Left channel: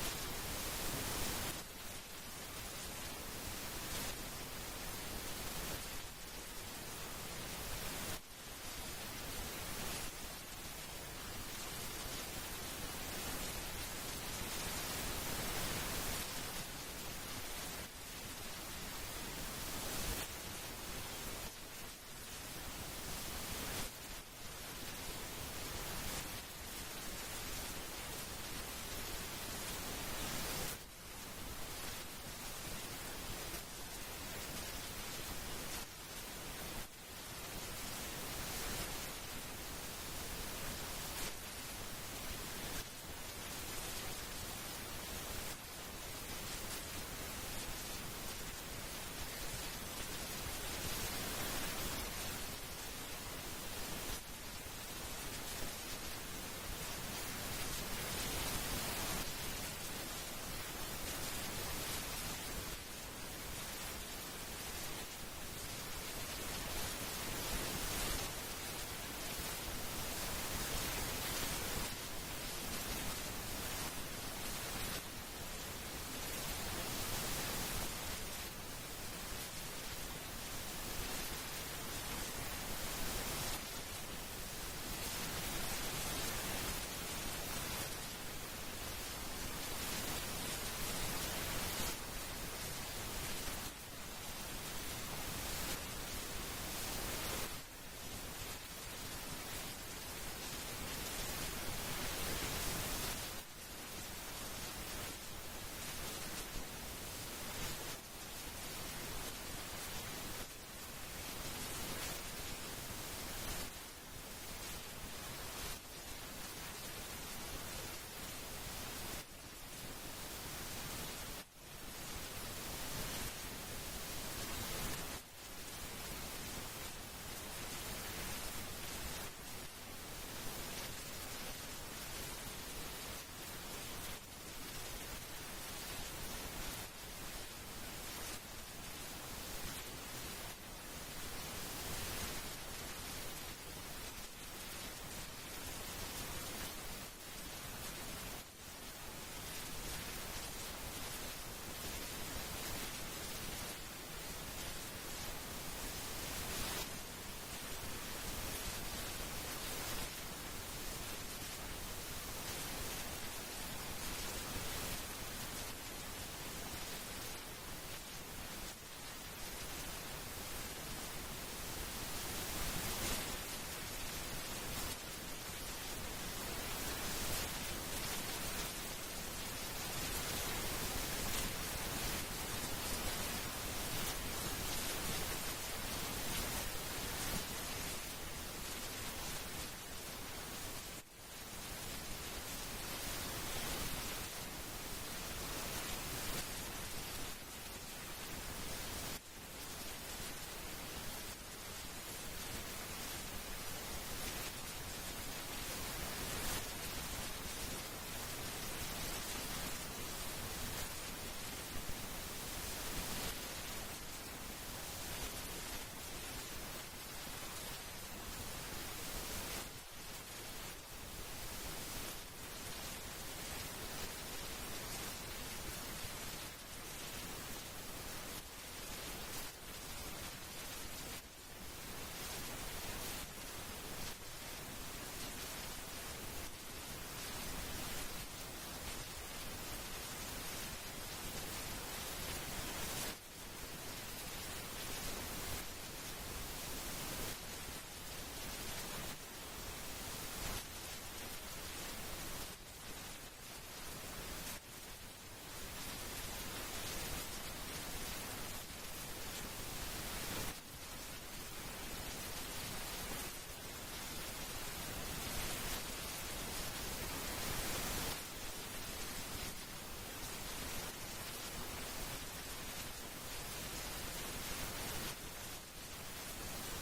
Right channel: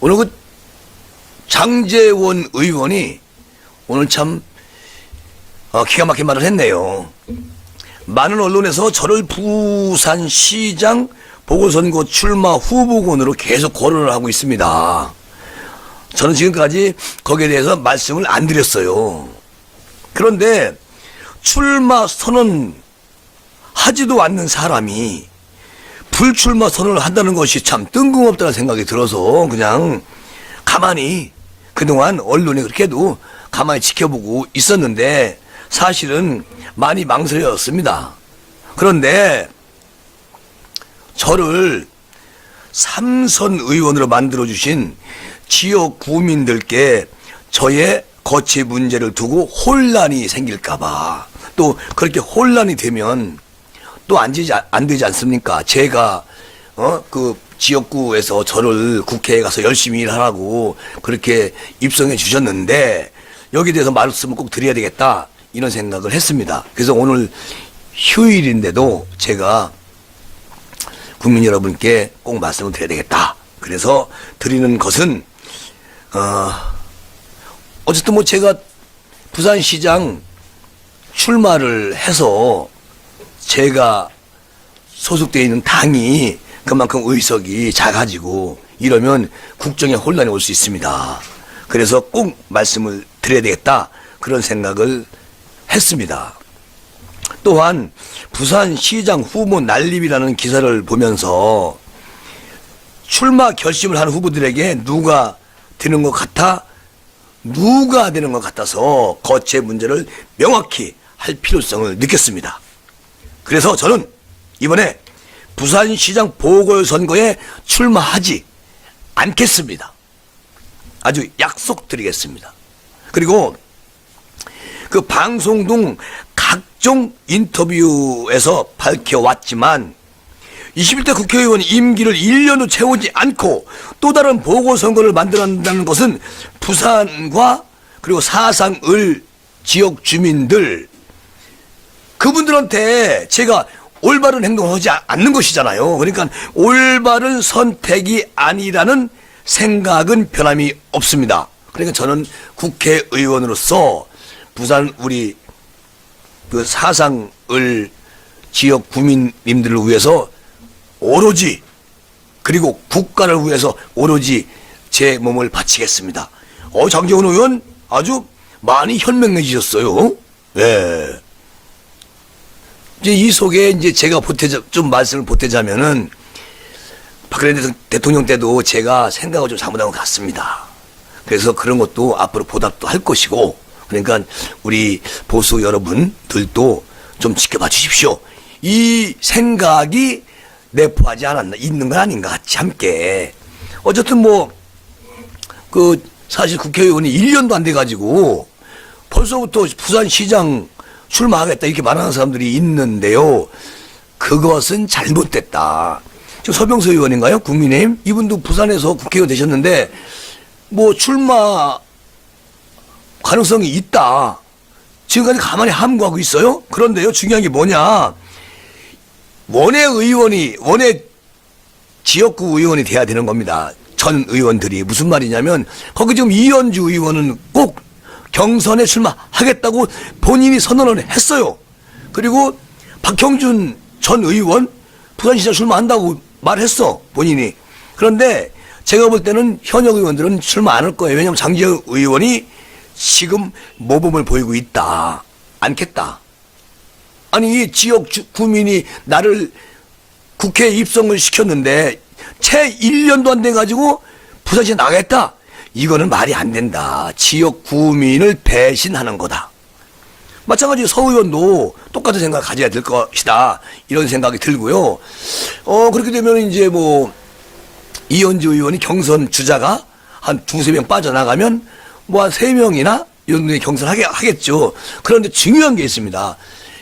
오늘 그 장제원 의원이 오늘 참 기가 막힌 말을 했네요. 많은 언론에서 저를 부산시장 보궐선거 출마 후보군으로 계속 거론을 하고 있습니다. 저는 지금까지 거기에 대해서 말씀을 안 드렸어요. 그런데 출마 선언 하지도 않는 사람이 불출마 선언을 한다는 것이 참 뜬금없다는 생각이 들어서 그냥 가만히 그동안 언론이 그렇게도 가만히 지켜보고 있었는데 사실은 많이 망설였습니다. 그런데 저를 3선 의원으로 만들어주신 지역 구민들께 저의 거취 문제를 두고 혼란이 생길까봐, 또 그렇게 혼란이 되면 또 안 되지 않습니까? 제가 그 지역구에서 저를 국회에 가서 열심히 일하라고 그렇게 입성해 주셨는데 여기에 대해서 말씀을 꼭 드려야 되겠다, 이런 생각을 했습니다. 그래서 오늘 휴일인데도 제가 국민 여러분께 꼭 말씀을 드려야 되겠다. 그래서 드리는 것은 어쨌든 뭐 제가 부산시장 출마를 해서 제가 소속되어 있는 당이 그만큼 의석이 작아지고 이러면 국정에 혼란이 올 수 있습니다. 그래서 꼭 말씀을 드려야 되겠다, 그런 생각을 했습니다. 또한 부산시장 후보 난립이라는 기사를 보면서 출마 결심을 한 후보들에게 누가 되는 것 같아서 거취의 문제를 명확히 할 필요성을 느꼈습니다. 그래서 저는 이번에 부산시장 보궐선거에 출마하지 않겠습니다. 아주 약속드리겠습니다. 그리고 그 방송 등 각종 인터뷰에서 밝혀왔지만 21대 국회의원 임기를 1년도 채우지 않고 또 다른 보궐선거를 만들어낸다는 것은 부산과 그리고 사상을 지역 주민들, 그분들한테 제가 올바른 행동을 하지 않는 것이잖아요. 그러니까 올바른 선택이 아니라는 생각은 변함이 없습니다. 그러니까 저는 국회의원으로서 부산 우리 그 사상을 지역 구민님들을 위해서 오로지, 그리고 국가를 위해서 오로지 제 몸을 바치겠습니다. 장제원 의원 아주 많이 현명해지셨어요. 예. 이제 이 속에 이제 제가 좀 말씀을 보태자면은 박근혜 대통령 때도 제가 생각을 좀 잘못한 것 같습니다. 그래서 그런 것도 앞으로 보답도 할 것이고, 그러니까 우리 보수 여러분들도 좀 지켜봐 주십시오. 이 생각이 내포하지 않았나, 있는 건 아닌가, 같이 함께. 어쨌든 뭐 사실 국회의원이 1년도 안 돼가지고 벌써부터 부산시장 출마하겠다 이렇게 말하는 사람들이 있는데요. 그것은 잘못됐다. 지금 서병수 의원인가요? 국민의힘? 이분도 부산에서 국회의원 되셨는데 뭐 출마 가능성이 있다, 지금까지 가만히 함구하고 있어요. 그런데요, 중요한 게 뭐냐, 원외 지역구 의원이 돼야 되는 겁니다. 전 의원들이. 무슨 말이냐면 거기 지금 이현주 의원은 꼭 경선에 출마하겠다고 본인이 선언을 했어요. 그리고 박형준 전 의원 부산시장 출마한다고 말했어, 본인이. 그런데 제가 볼 때는 현역 의원들은 출마 안 할 거예요. 왜냐하면 장제원 의원이 지금 모범을 보이고 있다. 않겠다. 아니, 지역 구민이 나를 국회에 입성을 시켰는데 채 1년도 안 돼가지고 부산시에 나가겠다? 이거는 말이 안 된다. 지역 구민을 배신하는 거다. 마찬가지로 서 의원도 똑같은 생각을 가져야 될 것이다, 이런 생각이 들고요. 그렇게 되면 이제 뭐 이현주 의원이 경선 주자가 한 두세 명 빠져나가면 뭐 한 3명이나 이런 분이 경선하겠죠. 그런데 중요한 게 있습니다.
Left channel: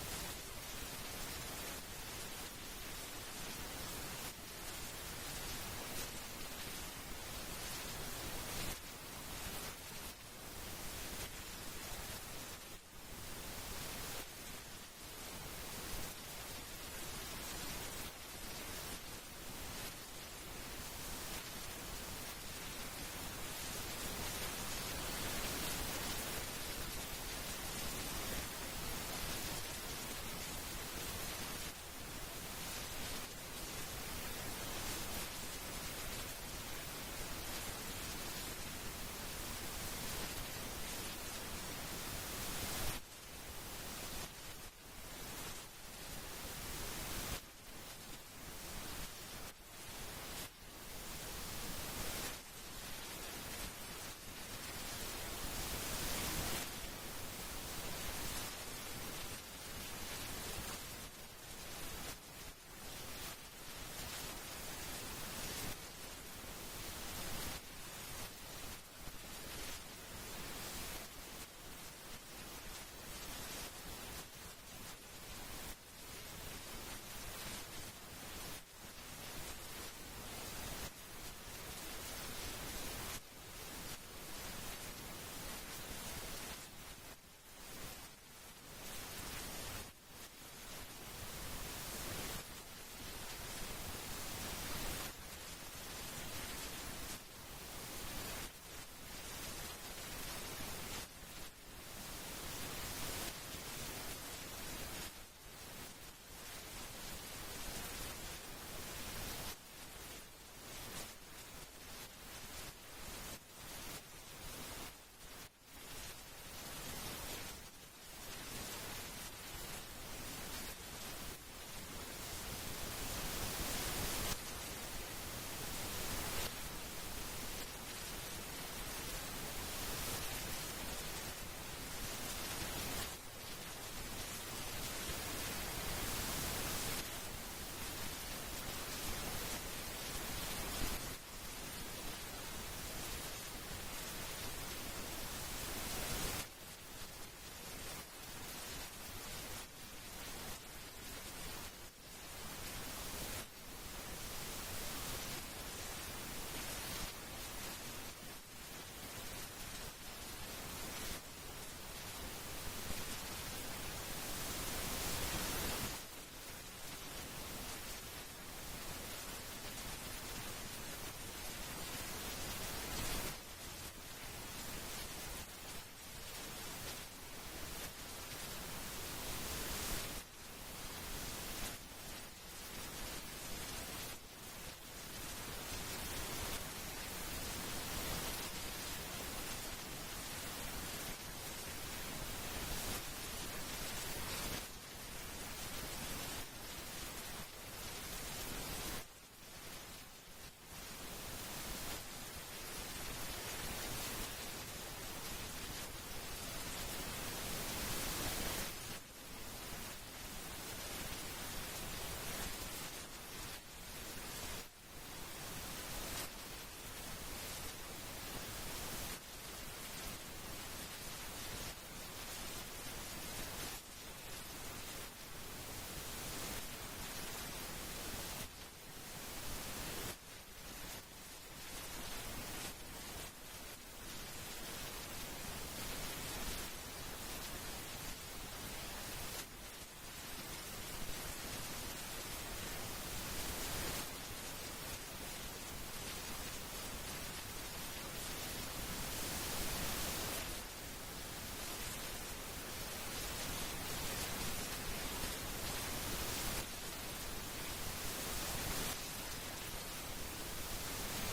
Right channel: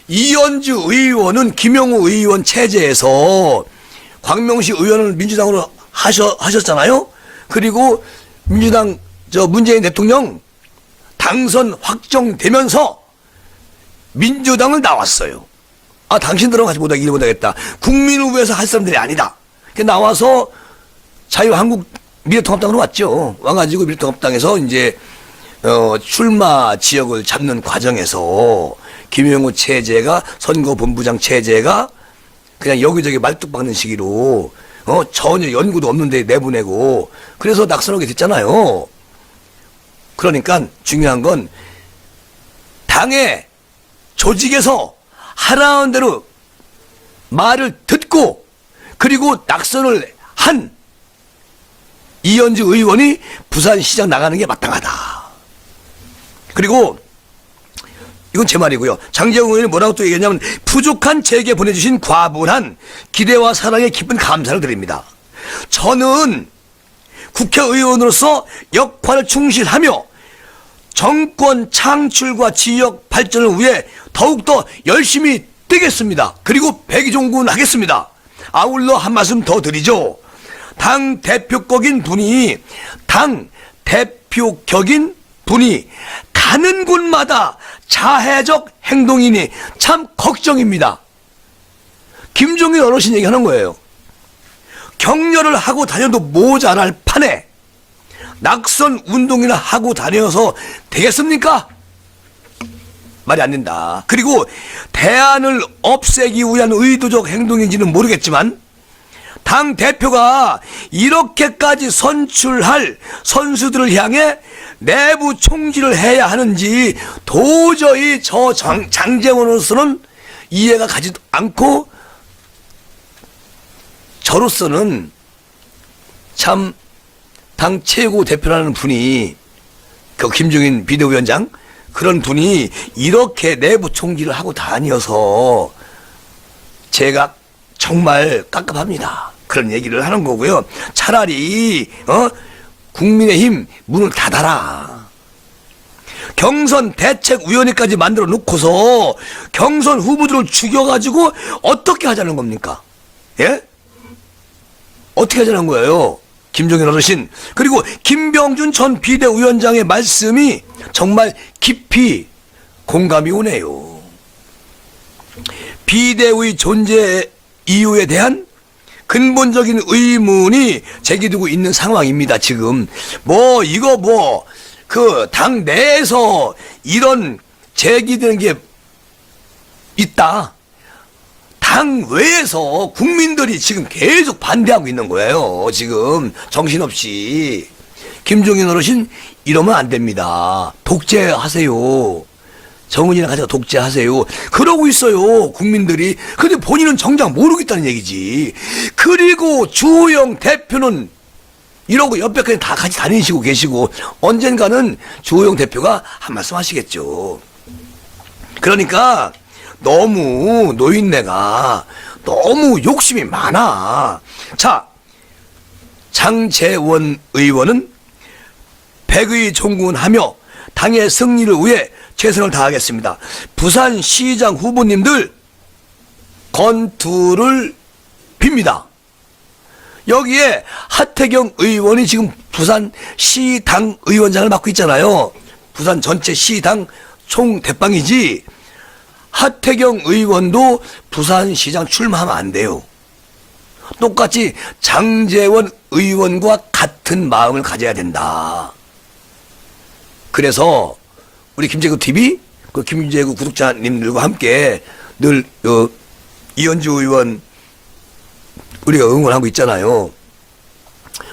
이현주 의원은 김영우 의원 체제에서 광명시 의원을 민주당으로 하셨잖아요. 그리고 민주당 문재인 대통령 당선 확정되면서 민주당을 나왔어요. 당신들은 같이 못하게 일 못하겠다. 국민을 위해서 할 사람들이 아니다. 나와서 자유한국당 미래통합당으로 왔죠. 와가지고 미래통합당에서 이제 출마 지역을 잡는 과정에서 김영호 체제가 선거본부장 체제가 그냥 여기저기 말뚝 박는 시기로 전혀 연구도 없는데 내보내고 그래서 낙선하게 됐잖아요. 그러니까 중요한 건 당의 조직에서 하라는 대로 말을 듣고 그리고 낙선을 한 이현주 의원이 부산시장 나가는 게 마땅하다. 그리고 이건 제 말이고요. 장재훈 의원이 뭐라고 또 얘기했냐면 부족한 제게 보내주신 과분한 기대와 사랑에 깊은 감사를 드립니다. 저는 국회의원으로서 역할을 충실하며 정권 창출과 지역 발전을 위해 더욱더 열심히 뛰겠습니다. 그리고 백의종군하겠습니다. 아울러 한 말씀 더 드리죠. 당 대표격인 분이 가는 곳마다 자해적 행동이니 참 걱정입니다. 김종인 어르신 얘기하는 거예요. 격려를 하고 다녀도 모자랄 판에 낙선 운동이나 하고 다녀서 되겠습니까? 말이 안 된다. 그리고 대안을 없애기 위한 의도적 행동인지는 모르겠지만 당 대표가 이렇게까지 선출할 선수들을 향해 내부 총질을 해야 하는지 도저히 저 장재원으로서는 이해가 가지도 않고 저로서는 참 당 최고 대표라는 분이 그 김종인 비대위원장 그런 분이 이렇게 내부 총질을 하고 다녀서 제가 정말 깝깝합니다. 그런 얘기를 하는 거고요. 차라리 국민의힘 문을 닫아라. 경선 대책위원회까지 만들어 놓고서 경선 후보들을 죽여가지고 어떻게 하자는 겁니까? 예? 어떻게 하자는 거예요? 김종인 어르신. 그리고 김병준 전 비대위원장의 말씀이 정말 깊이 공감이 오네요. 비대위 존재 이유에 대한 근본적인 의문이 제기되고 있는 상황입니다. 지금 그 당 내에서 이런 제기되는 게 있다. 당 외에서 국민들이 지금 계속 반대하고 있는 거예요. 지금 정신없이. 김종인 어르신 이러면 안 됩니다. 독재하세요. 정은이랑 같이 독재하세요. 그러고 있어요. 국민들이. 근데 본인은 정작 모르겠다는 얘기지. 그리고 주호영 대표는 이러고 옆에 그냥 다 같이 다니시고 계시고 언젠가는 주호영 대표가 한 말씀 하시겠죠. 그러니까 너무 노인네가 너무 욕심이 많아. 자, 장재원 의원은 백의종군하며 당의 승리를 위해 최선을 다하겠습니다. 부산시장 후보님들 건투를 빕니다. 여기에 하태경 의원이 지금 부산시당 의원장을 맡고 있잖아요. 부산 전체 시당 총대빵이지. 하태경 의원도 부산시장 출마하면 안 돼요. 똑같이 장재원 의원과 같은 마음을 가져야 된다. 그래서 우리 김재구 TV, 그 김재구 구독자님들과 함께 늘 이현주 의원 우리가 응원하고 있잖아요.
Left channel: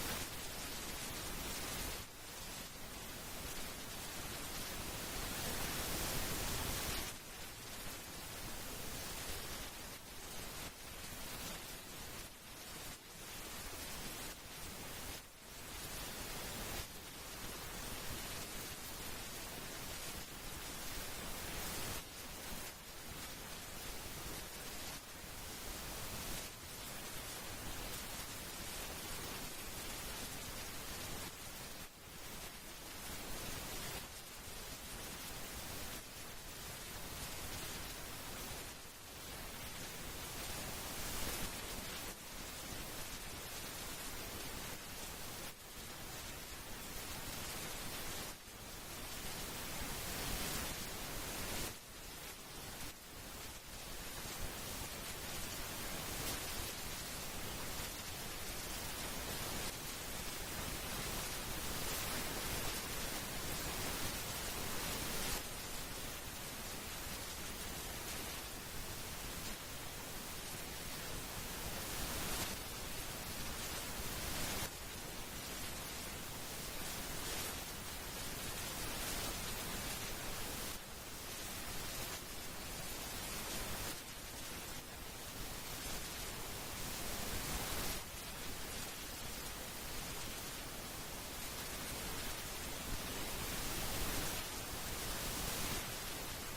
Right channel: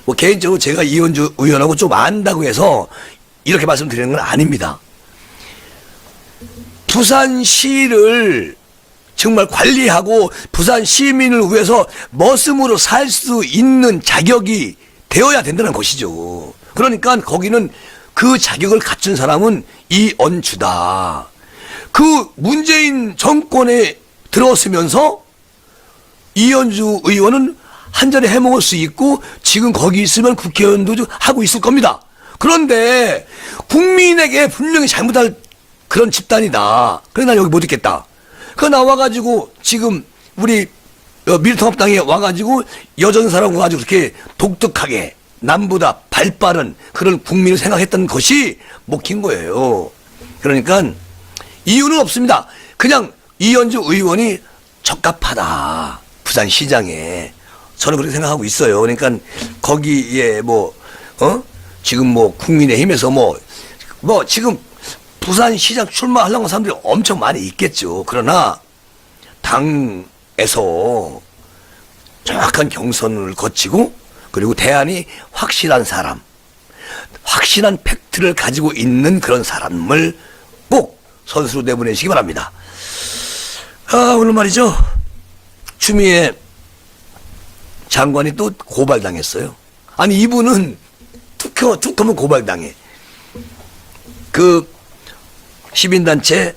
뭐 개인적으로 제가 이현주 의원하고 좀 안다고 해서 이렇게 말씀드리는 건 아닙니다. 부산시를 정말 관리하고 부산 시민을 위해서 머슴으로 살 수 있는 자격이 되어야 된다는 것이죠. 그러니까 거기는 그 자격을 갖춘 사람은 이언주다. 그 문재인 정권에 들어서면서 이현주 의원은 한 잔에 해먹을 수 있고 지금 거기 있으면 국회의원도 하고 있을 겁니다. 그런데 국민에게 분명히 잘못할 그런 집단이다. 그래 난 여기 못 있겠다. 그 나와가지고 지금 우리 미래통합당에 와가지고 여전사라고 가지고 그렇게 독특하게 남보다 발빠른 그런 국민을 생각했던 것이 먹힌 거예요. 그러니까 이유는 없습니다. 그냥 이현주 의원이 적합하다. 부산시장에. 저는 그렇게 생각하고 있어요. 그러니까 거기에 뭐 지금 뭐 국민의힘에서 뭐 지금 부산시장 출마하려는 사람들이 엄청 많이 있겠죠. 그러나 당에서 정확한 경선을 거치고 그리고 대안이 확실한 사람, 확실한 팩트를 가지고 있는 그런 사람을 꼭 선수로 내보내시기 바랍니다. 오늘 말이죠. 추미애 장관이 또 고발당했어요. 아니 이분은 툭하면 고발당해. 그 시민단체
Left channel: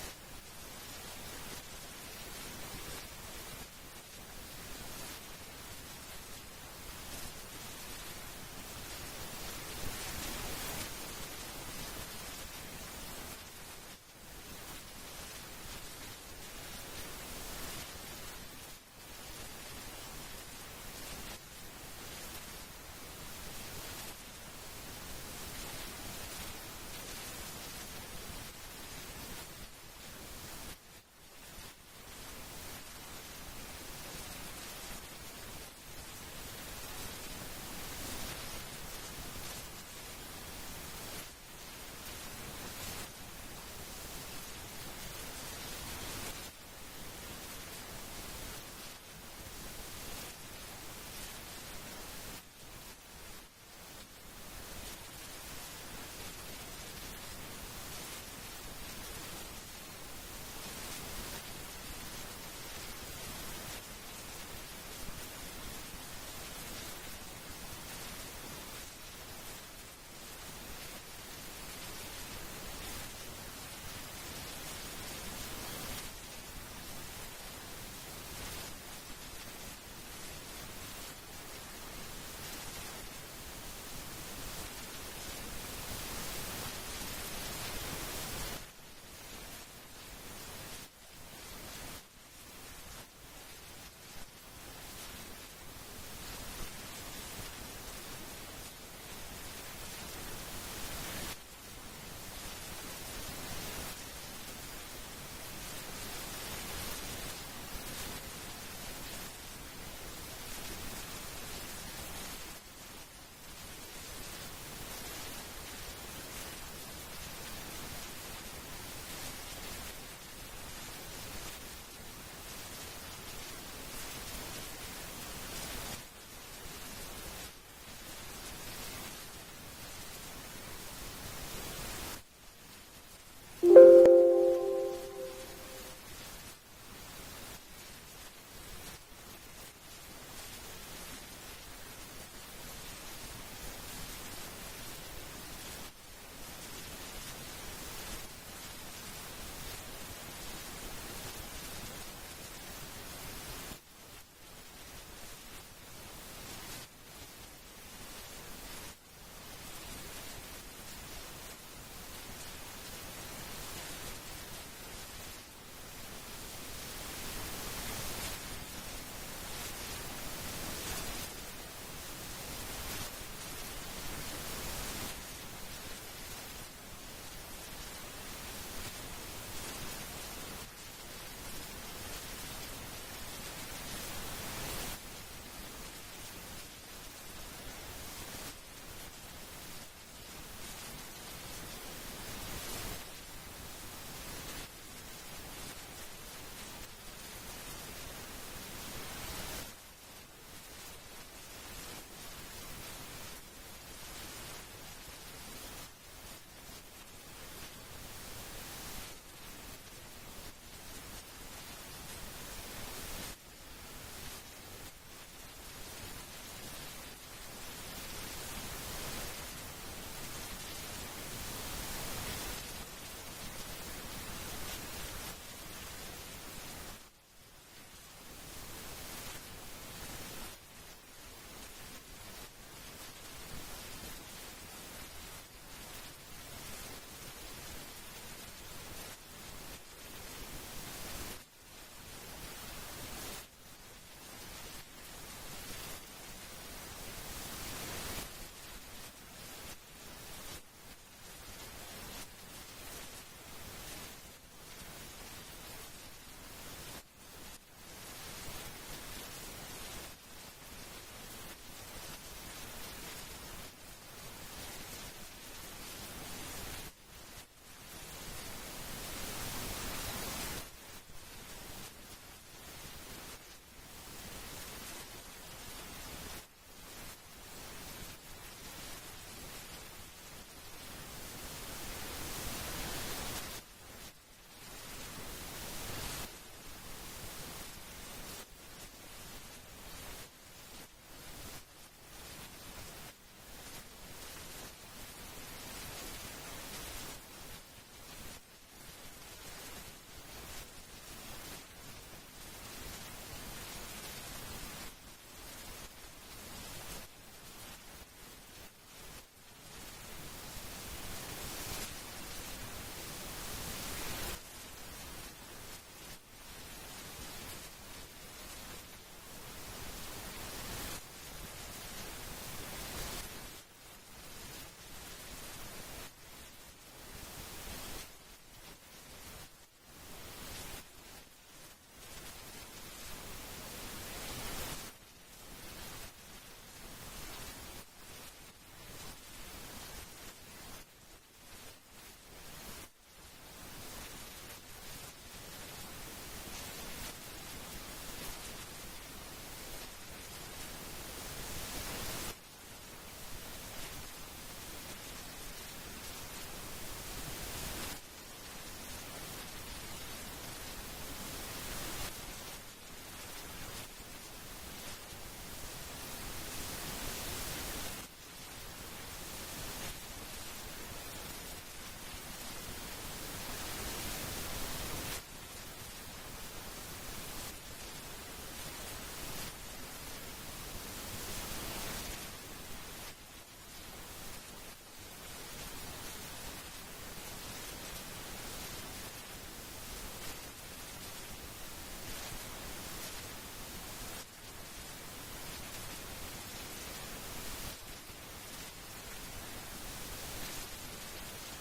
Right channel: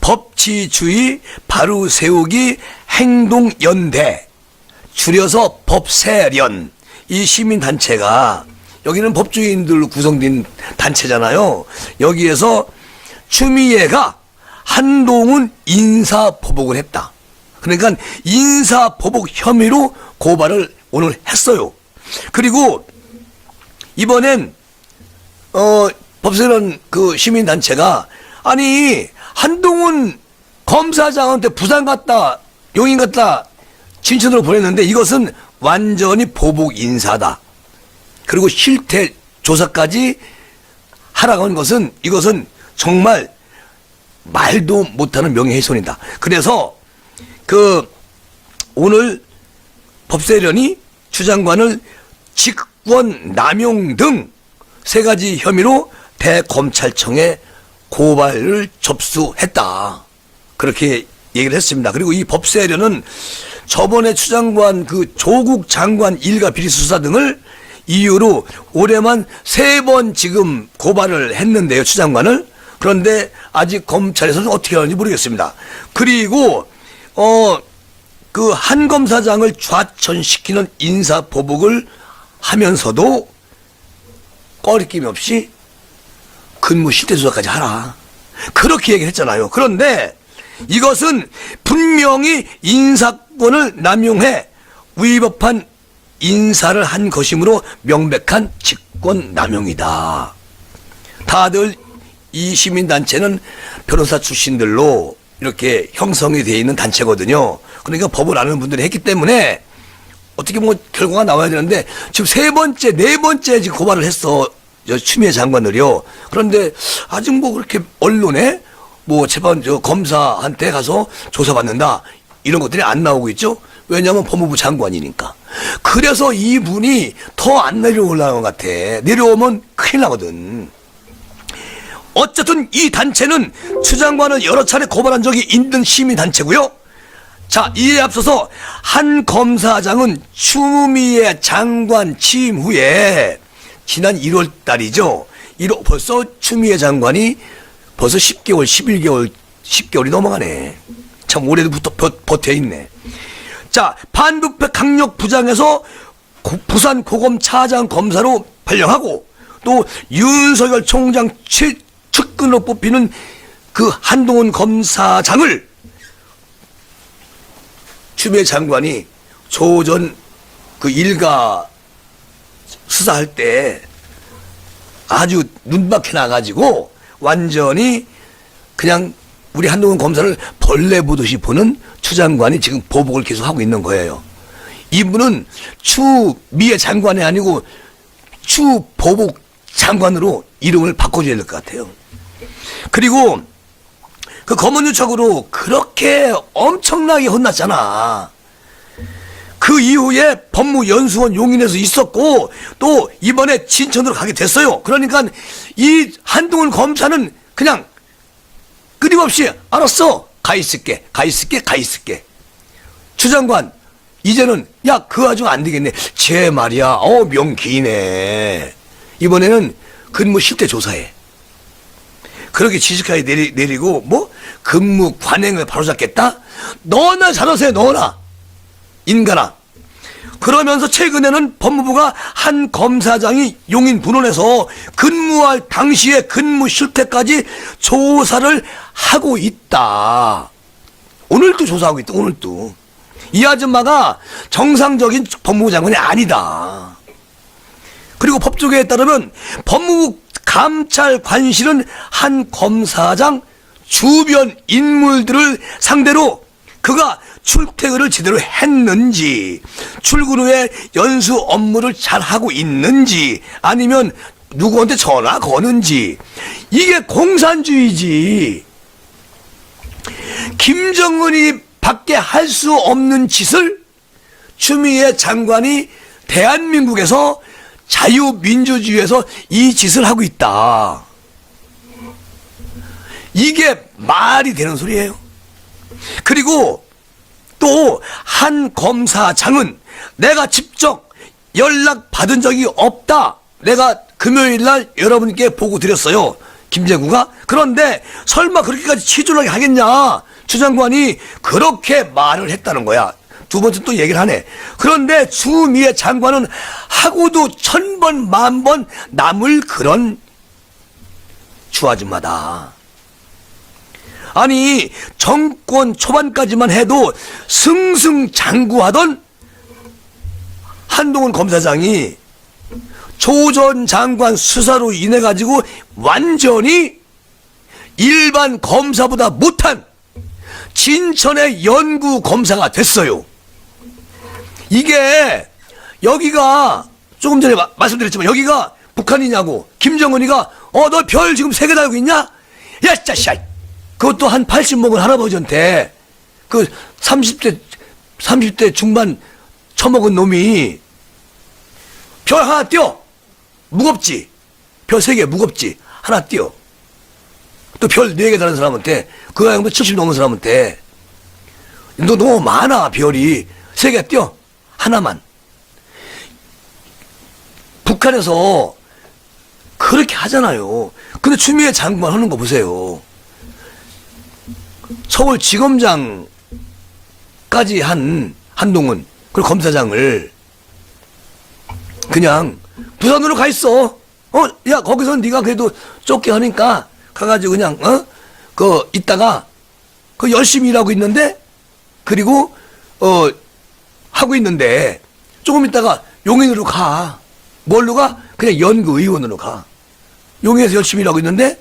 법치주의 바로 세우기 행동연대, 줄여서 법세련, 이 시민단체가 여기는 법조인들로 구성된 단체잖아요. 여기에서 추미애가 한동훈 인사보복을 했다. 그러니까 인사보복 혐의로 고발을 오늘 했어요. 그리고 이번엔 법세련 그 시민단체가 아니 한동훈 검사장한테 부산 갔다 용인 갔다 진천으로 보냈는데 이것은 완전히 보복 인사다. 그리고 실태 조사까지 하라고 한 것은 이것은 정말 말도 못하는 명예훼손이다. 그래서 그 오늘 법세련이 추 장관을 직권 남용 등 3가지 혐의로 대검찰청에 고발을 접수했다. 그렇게 얘기를 했습니다. 그리고 이 법세련은 저번에 추 장관 그 조국 장관 일가 비리 수사 등을 이유로 올해만 3번 지금 고발을 했는데요, 추 장관을. 그런데 아직 검찰에서는 어떻게 하는지 모르겠습니다. 그리고 그 한 검사장을 좌천시키는 인사보복을 하면서도 꺼리낌 없이 근무 실태조사까지 하라. 그렇게 얘기를 했잖아요. 그런데 이것은 분명히 인사권을 남용해 위법한 인사를 한 것이므로 명백한 직권 남용이다. 다들 이 시민단체는 변호사 출신들로 이렇게 형성이 되어 있는 단체거든요. 그러니까 법을 아는 분들이 했기 때문에 어떻게 뭐 결과가 나와야 되는데 지금 3번째, 4번째 지금 고발을 했어. 추미애 장관을요. 그런데 아직 뭐 그렇게 언론에 뭐 재판 검사한테 가서 조사받는다 이런 것들이 안 나오고 있죠. 왜냐하면 법무부 장관이니까. 그래서 이분이 더 안 내려오려는 것 같아. 내려오면 큰일 나거든. 어쨌든 이 단체는 추 장관을 여러 차례 고발한 적이 있는 시민단체고요. 자, 이에 앞서서 한 검사장은 추미애 장관 취임 후에 지난 1월 달이죠. 벌써 추미애 장관이 벌써 10개월, 11개월, 10개월이 넘어가네. 참 올해부터 버텨있네. 자, 반부패 강력부장에서 부산 고검 차장 검사로 발령하고 또 윤석열 총장 측근으로 뽑히는 그 한동훈 검사장을 추미애 장관이 조전 그 일가 수사할 때 아주 눈밖에 나가지고 완전히 그냥 우리 한동훈 검사를 벌레 보듯이 보는 추 장관이 지금 보복을 계속 하고 있는 거예요. 이분은 추미애 장관이 아니고 추보복 장관으로 이름을 바꿔줘야 될 것 같아요. 그리고 그 검언유착으로 그렇게 엄청나게 혼났잖아. 그 이후에 법무연수원 용인에서 있었고 또 이번에 진천으로 가게 됐어요. 그러니까 이 한동훈 검사는 그냥 끊임없이 알았어. 가 있을게. 추 장관 이제는 야 그 와중 안 되겠네. 쟤 말이야. 명기네. 이번에는 근무 실태 조사해. 그렇게 지식하게 내리고 뭐 근무 관행을 바로잡겠다? 너나 잘하세요. 너나 인간아. 그러면서 최근에는 법무부가 한 검사장이 용인 분원에서 근무할 당시의 근무 실태까지 조사를 하고 있다. 오늘도 조사하고 있다. 오늘도. 이 아줌마가 정상적인 법무부 장관이 아니다. 그리고 법조계에 따르면 법무부 감찰관실은 한 검사장 주변 인물들을 상대로 그가 출퇴근을 제대로 했는지, 출근 후에 연수 업무를 잘 하고 있는지, 아니면 누구한테 전화 거는지, 이게 공산주의지. 김정은이 밖에 할 수 없는 짓을 추미애 장관이 대한민국에서 자유민주주의에서 이 짓을 하고 있다. 이게 말이 되는 소리예요. 그리고 또 한 검사장은 내가 직접 연락 받은 적이 없다. 내가 금요일 날 여러분께 보고 드렸어요. 김재구가. 그런데 설마 그렇게까지 치졸하게 하겠냐. 추 장관이 그렇게 말을 했다는 거야. 두 번째 또 얘기를 하네. 그런데 추미애 장관은 하고도 1000번 만번 남을 그런 추 아줌마다. 아니 정권 초반까지만 해도 승승장구하던 한동훈 검사장이 조 전 장관 수사로 인해 가지고 완전히 일반 검사보다 못한 진천의 연구 검사가 됐어요. 이게 여기가 조금 전에 말씀드렸지만 여기가 북한이냐고. 김정은이가 너 별 지금 3개 달고 있냐? 야 짜샤. 그것도 한 80 먹은 할아버지한테 그 30대 중반 처먹은 놈이 별 하나 띄워. 무겁지. 별 3개 무겁지. 하나 띄워. 또 별 4개 다른 사람한테 그 양도 70 넘은 사람한테 너 너무 많아 별이 3개 띄워. 하나만. 북한에서 그렇게 하잖아요. 근데 추미애 장관 하는 거 보세요. 서울지검장까지 한 한동훈 그리고 검사장을 그냥 부산으로 가 있어. 야 거기서 네가 그래도 쫓게 하니까 가가지고 그냥 이따가 그 열심히 일하고 있는데 그리고 하고 있는데 조금 있다가 용인으로 가. 뭘로 가? 그냥 연구의원으로 가. 용인에서 열심히 일하고 있는데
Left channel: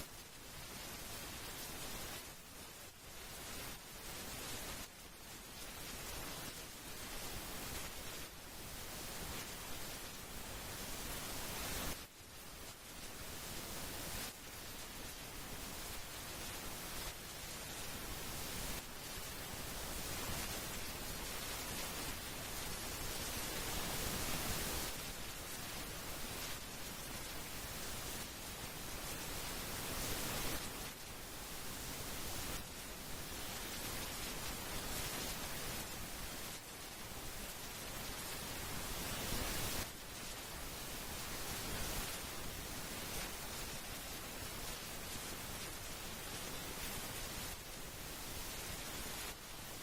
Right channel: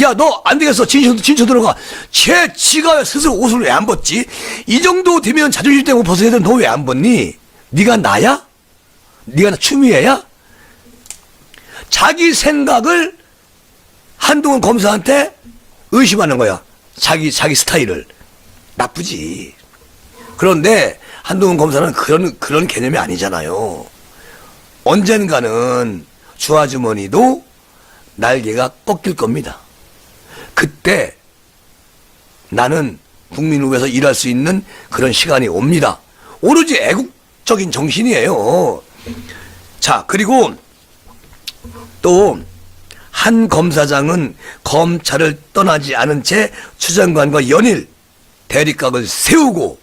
야 너 안 되겠어. 진천으로 가. 지가 스스로 옷을 왜 안 벗지? 이 정도 되면 자존심 때문에 벗어야 되는데 너 왜 안 벗니? 네가 나야? 네가 나 추미애야? 자기 생각을 한동훈 검사한테 의심하는 거야. 자기 스타일을. 나쁘지. 그런데 한동훈 검사는 그런 개념이 아니잖아요. 언젠가는 주아주머니도 날개가 꺾일 겁니다. 그때 나는 국민 후에서 일할 수 있는 그런 시간이 옵니다. 오로지 애국적인 정신이에요. 자, 그리고 또 한 검사장은 검찰을 떠나지 않은 채 추 장관과 연일 대립각을 세우고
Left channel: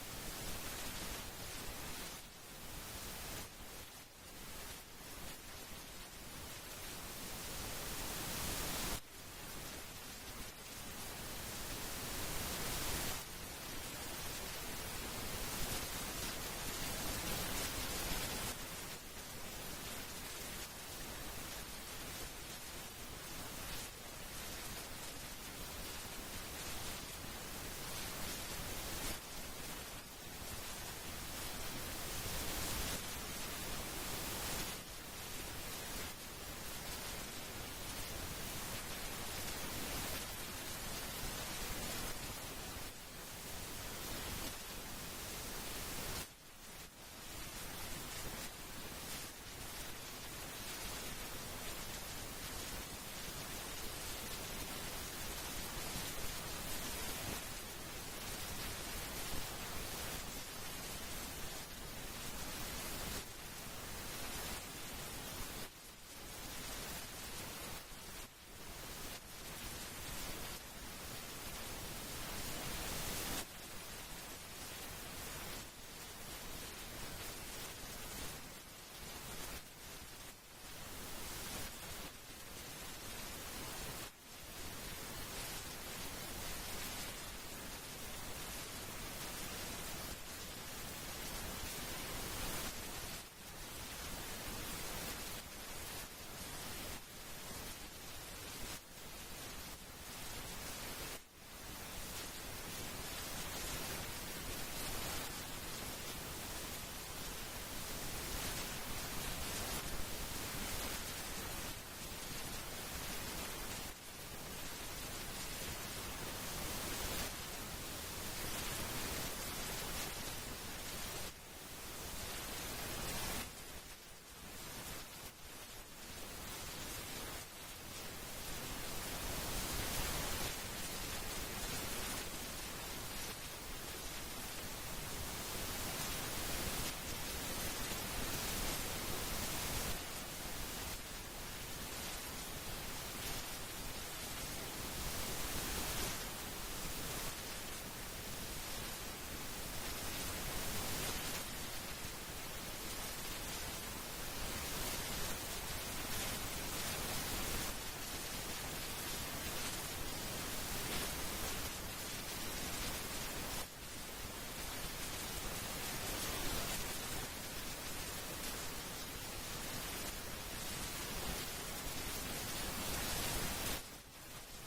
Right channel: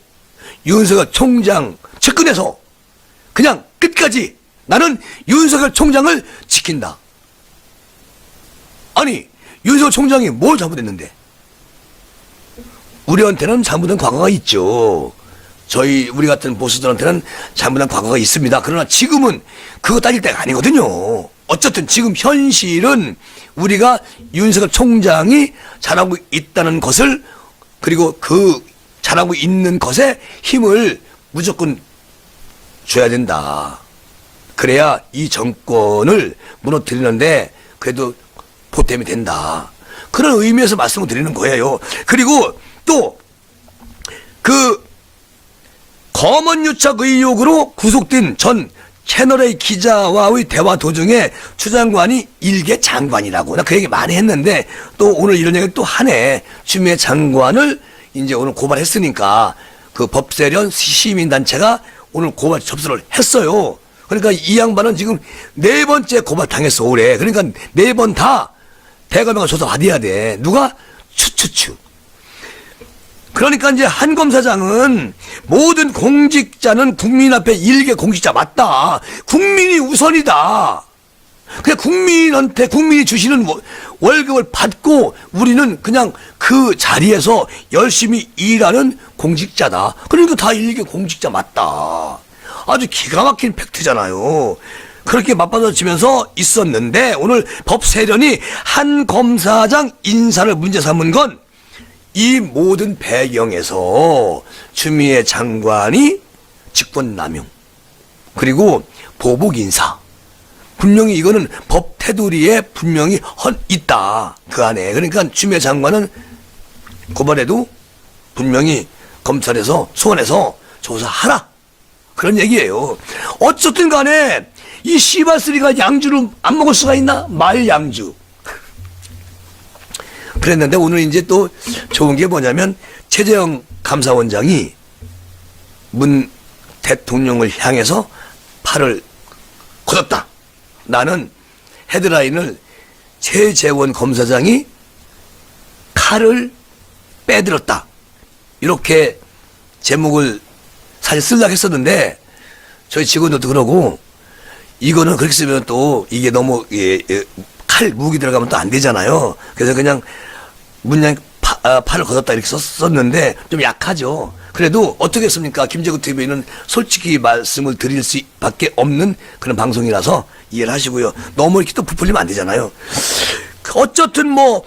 윤석열 총장 측근에서 그냥 끝까지 나는 윤석열 총장을 지킨다. 아니 윤석열 총장이 뭘 잘못했는데? 우리한테는 잘못한 과거가 있죠. 우리 같은 보수들한테는 잘못한 과거가 있습니다. 그러나 지금은 그거 따질 때가 아니거든요. 어쨌든 지금 현실은 우리가 윤석열 총장이 잘하고 있다는 것을 그리고 그 잘하고 있는 것에 힘을 무조건 줘야 된다. 그래야 이 정권을 무너뜨리는데 그래도 보탬이 된다. 그런 의미에서 말씀을 드리는 거예요. 그리고 또 그 검언유착 의혹으로 구속된 전 채널A 기자와의 대화 도중에 추 장관이 일개 장관이라고 나 그 얘기 많이 했는데 또 오늘 이런 얘기를 또 하네. 추미애 장관을 이제 오늘 고발했으니까 그 법세련 시민단체가 오늘 고발 접수를 했어요. 그러니까 이 양반은 지금 4번째 고발 당했어 올해. 그러니까 4번 다 대검에가 조사 받아야 돼. 누가? 추추추. 그러니까 이제 한 검사장은 모든 공직자는 국민 앞에 일개 공직자 맞다. 국민이 우선이다. 그냥 국민이 주시는 월급을 받고 우리는 그냥 그 자리에서 열심히 일하는 공직자다. 그러니까 다 일개 공직자 맞다. 아주 기가 막힌 팩트잖아요. 그렇게 맞받아치면서 있었는데 오늘 법세련이 한 검사장 인사를 문제 삼은 건 이 모든 배경에서 추미애 장관이 직권남용 그리고 보복인사 분명히 이거는 법 테두리에 분명히 있다 그 안에. 그러니까 추미애 장관은 고발해도 분명히 검찰에서 소환해서 조사하라 그런 얘기예요. 어쨌든 간에 이 씨바쓰리가 양주를 안 먹을 수가 있나? 말 양주. 그랬는데 오늘 이제 또 좋은 게 뭐냐면 최재형 감사원장이 문 대통령을 향해서 팔을 걷었다. 나는 헤드라인을 최재원 검사장이 칼을 빼들었다. 이렇게 제목을 사실 쓰려고 했었는데 저희 직원들도 그러고 이거는 그렇게 쓰면 또 이게 너무 칼 무기 들어가면 또 안 되잖아요. 그래서 그냥 문양 팔을 걷었다 이렇게 썼는데 좀 약하죠. 그래도 어떻게 했습니까? 김재구 TV는 솔직히 말씀을 드릴 수밖에 없는 그런 방송이라서 이해를 하시고요. 너무 이렇게 또 부풀리면 안 되잖아요. 어쨌든 뭐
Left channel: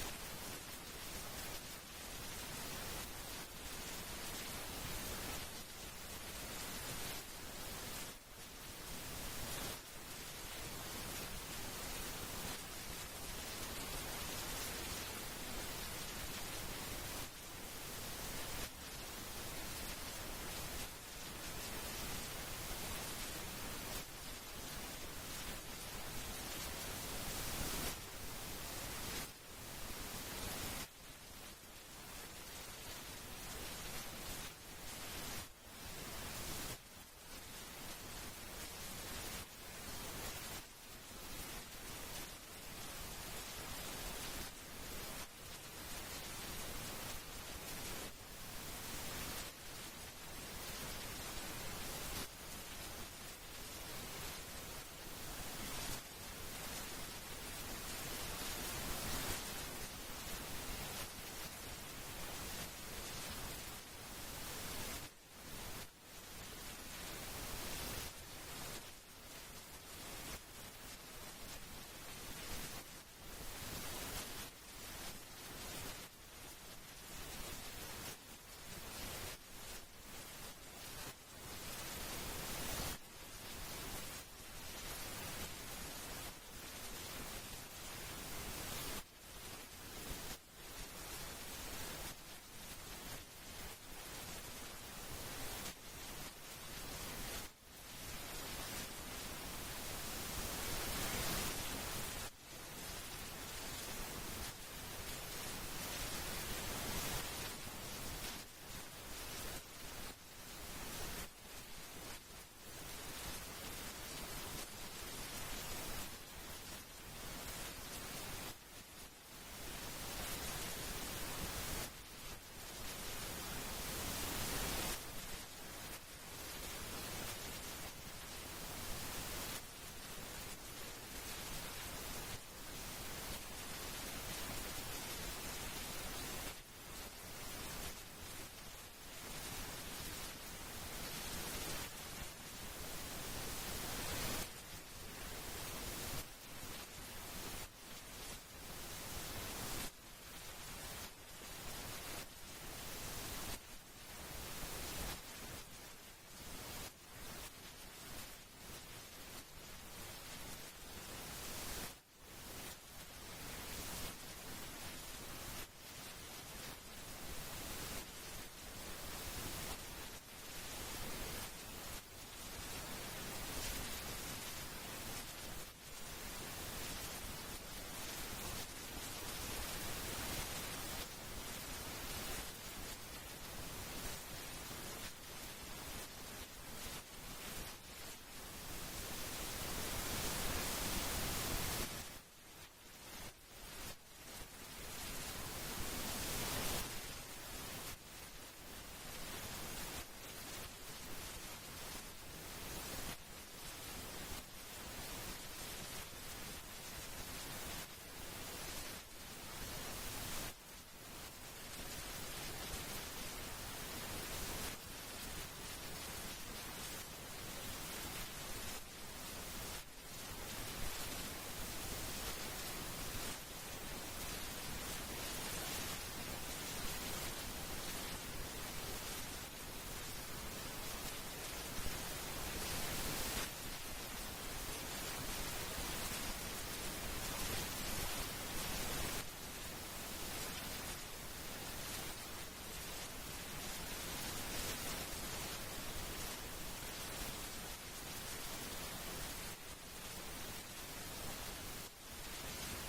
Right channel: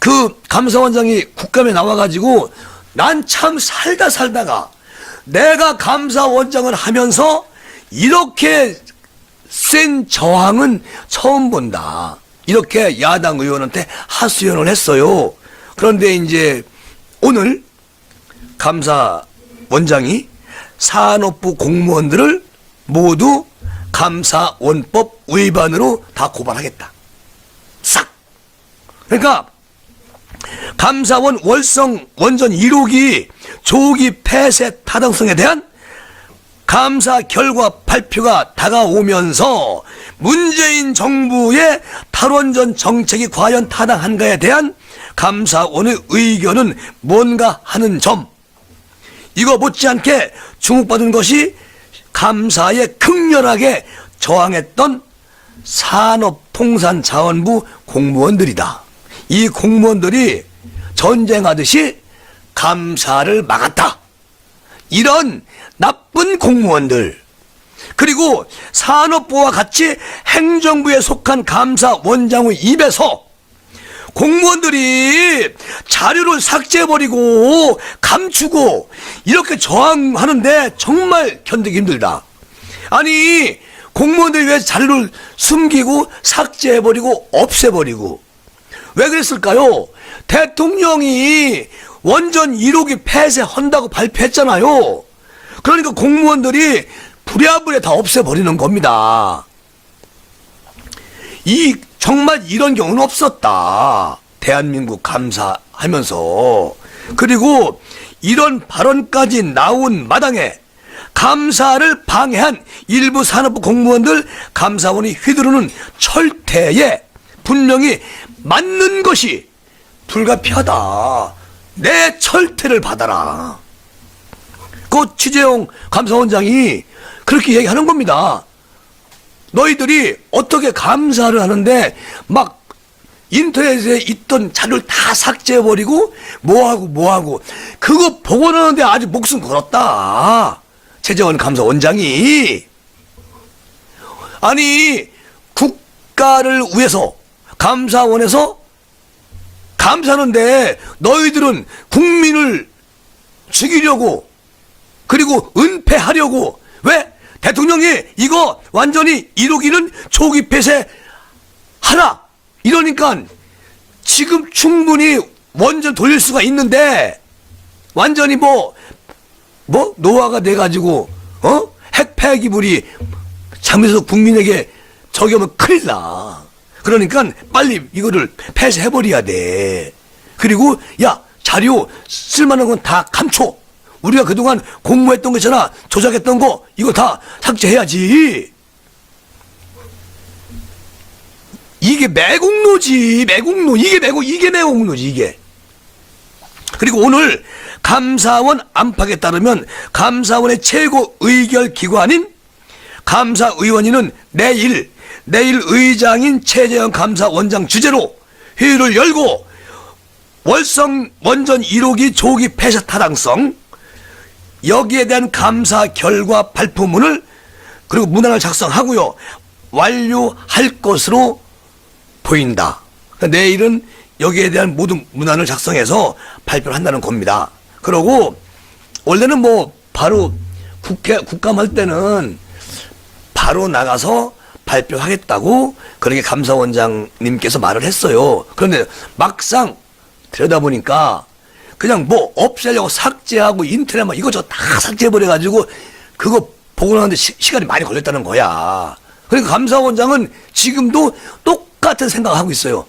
그 감사원장이 국감에 나와가지고 난 참 살다가 내가 감사원장을 하면서 이렇게 센 저항은 처음 본다. 이렇게 야당 의원한테 하소연을 했어요. 그런데 이제 오늘 감사원장이 산업부 공무원들을 모두 감사원법 위반으로 다 고발하겠다. 싹. 그러니까 감사원 월성 원전 1호기 조기 폐쇄 타당성에 대한 감사 결과 발표가 다가오면서 문재인 정부의 탈원전 정책이 과연 타당한가에 대한 감사원의 의견은 뭔가 하는 점, 이거 못지않게 주목받은 것이 감사에 극렬하게 저항했던 산업통상자원부 공무원들이다. 이 공무원들이 전쟁하듯이 감사를 막았다. 이런 나쁜 공무원들, 그리고 산업부와 같이 행정부에 속한 감사원장의 입에서 공무원들이 자료를 삭제해버리고 감추고 이렇게 저항하는데 정말 견디기 힘들다. 아니 공무원들이 왜 자료를 숨기고 삭제해버리고 없애버리고 왜 그랬을까요? 대통령이 원전 1호기 폐쇄한다고 발표했잖아요. 그러니까 공무원들이 부랴부랴 다 없애버리는 겁니다. 정말 이런 경우는 없었다. 대한민국 감사하면서. 그리고 이런 발언까지 나온 마당에 감사를 방해한 일부 산업부 공무원들 감사원이 휘두르는 철퇴에 분명히 맞는 것이 불가피하다. 내 철퇴를 받아라. 그 최재형 감사원장이 그렇게 얘기하는 겁니다. 너희들이 어떻게 감사를 하는데 막 인터넷에 있던 자료를 다 삭제해버리고 뭐하고 그거 복원하는데 아주 목숨 걸었다. 최재원 감사원장이. 아니 국가를 위해서 감사원에서 감사하는데 너희들은 국민을 죽이려고 그리고 은폐하려고 왜? 대통령이 이거 완전히 1호기는 조기 폐쇄하라 이러니까 지금 충분히 원전 돌릴 수가 있는데 완전히 노화가 돼가지고 핵 폐기물이 잘못해서 국민에게 저기 하면 큰일 나. 그러니까 빨리 이거를 폐쇄해버려야 돼. 그리고 야 자료 쓸만한 건 다 감춰. 우리가 그동안 공모했던 거 있잖아. 조작했던 거 이거 다 삭제해야지. 이게 매국노지. 매국노. 이게 매국노지 이게. 그리고 오늘 감사원 안팎에 따르면 감사원의 최고 의결 기관인 감사의원위는 내일 의장인 최재형 감사원장 주재로 회의를 열고 월성 원전 1호기 조기 폐쇄 타당성 여기에 대한 감사 결과 발표문을 그리고 문항을 작성하고요 완료할 것으로 보인다. 내일은 여기에 대한 모든 문안을 작성해서 발표를 한다는 겁니다. 그러고 원래는 뭐 바로 국감할 때는 바로 나가서 발표하겠다고 그렇게 감사원장님께서 말을 했어요. 그런데 막상 들여다보니까 그냥 뭐 없애려고 삭제하고 인터넷 막 이것저것 다 삭제해버려가지고 그거 보고 나는데 시간이 많이 걸렸다는 거야. 그러니까 감사원장은 지금도 똑같은 생각을 하고 있어요.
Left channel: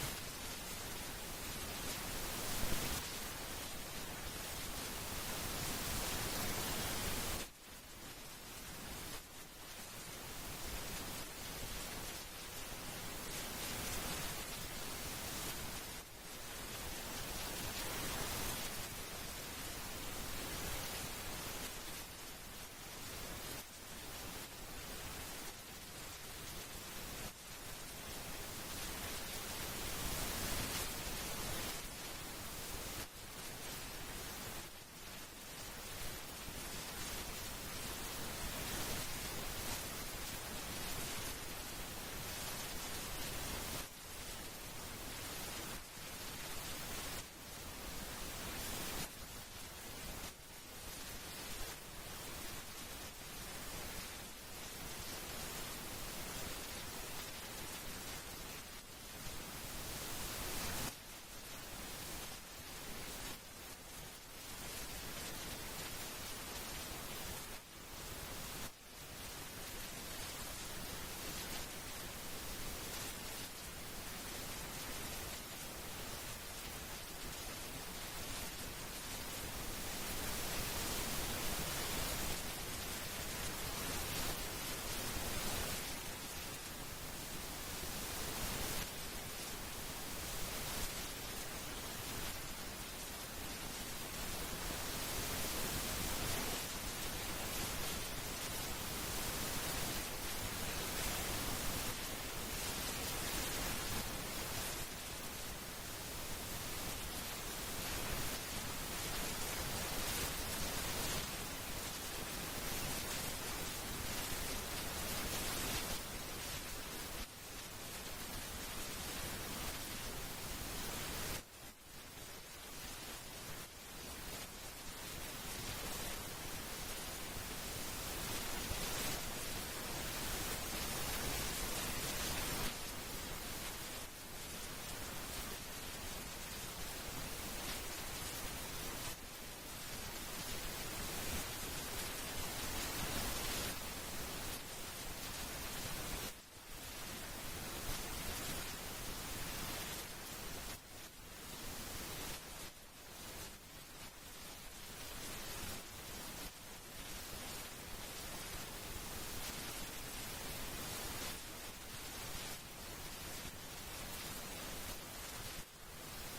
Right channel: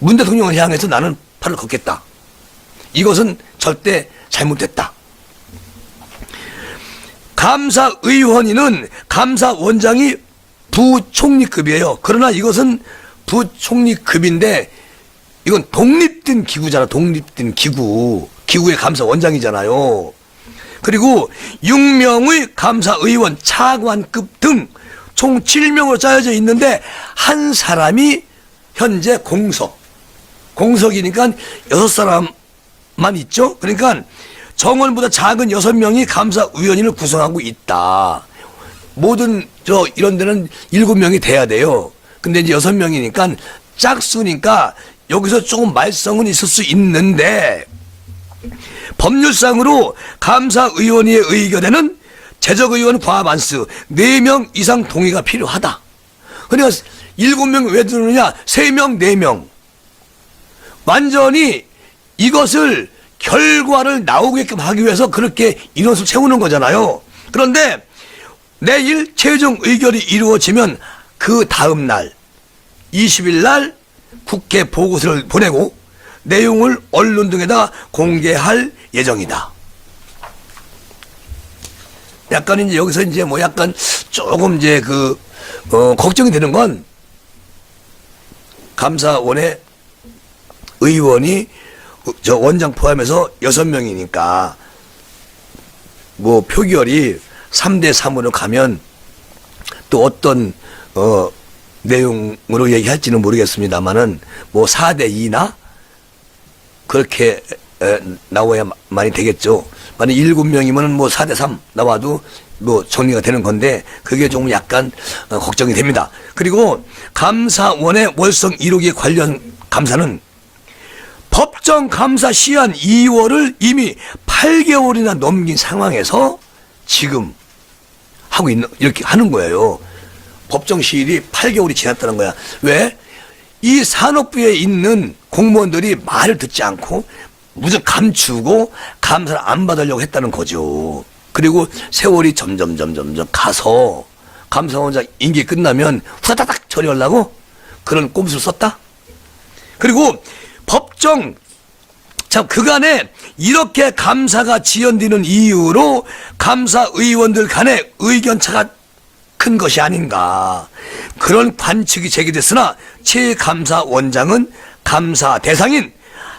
문 대통령을 향해서 나는 팔을 걷겠다. 이것은 절대 잘못됐다. 감사의원이는 감사원장이 부총리급이에요. 그러나 이것은 부총리급인데 이건 독립된 기구잖아. 독립된 기구. 기구의 감사원장이잖아요. 그리고 6명의 감사의원, 차관급 등 총 7명으로 짜여져 있는데 한 사람이 현재 공석이니까 6사람만 있죠. 그러니까 정원보다 작은 6명이 감사위원회를 구성하고 있다. 모든 이런 데는 7명이 돼야 돼요. 근데 이제 6명이니까 짝수니까 여기서 조금 말썽은 있을 수 있는데 법률상으로 감사위원회의 의견에는 재적의원 과반수 4명 이상 동의가 필요하다. 그러니까 7명 왜 들으느냐? 3명, 4명. 완전히 이것을 결과를 나오게끔 하기 위해서 그렇게 인원수를 채우는 거잖아요. 그런데 내일 최종 의결이 이루어지면 그 다음 날 20일 날 국회 보고서를 보내고 내용을 언론 등에다 공개할 예정이다. 약간 이제 여기서 이제 뭐 약간 조금 이제 걱정이 되는 건 감사원의 의원이 저 원장 포함해서 6명이니까 뭐 표결이 3대3으로 가면 또 어떤 내용으로 얘기할지는 모르겠습니다만은 뭐 4대2나 그렇게 나와야 많이 되겠죠. 만약 7명이면 뭐 4대3 나와도 뭐 정리가 되는 건데 그게 좀 약간 걱정이 됩니다. 그리고 감사원의 월성 1호기 관련 감사는 법정 감사 시한 2월을 이미 8개월이나 넘긴 상황에서 지금 이렇게 하는 거예요. 법정 시일이 8개월이 지났다는 거야. 왜? 이 산업부에 있는 공무원들이 말을 듣지 않고 무조건 감추고 감사를 안 받으려고 했다는 거죠. 그리고 세월이 점점 가서 감사원장 임기 끝나면 후다닥 처리하려고 그런 꼼수를 썼다. 그리고 법정 그간에 이렇게 감사가 지연되는 이유로 감사의원들 간의 의견차가 큰 것이 아닌가 그런 관측이 제기됐으나 최 감사원장은 감사 대상인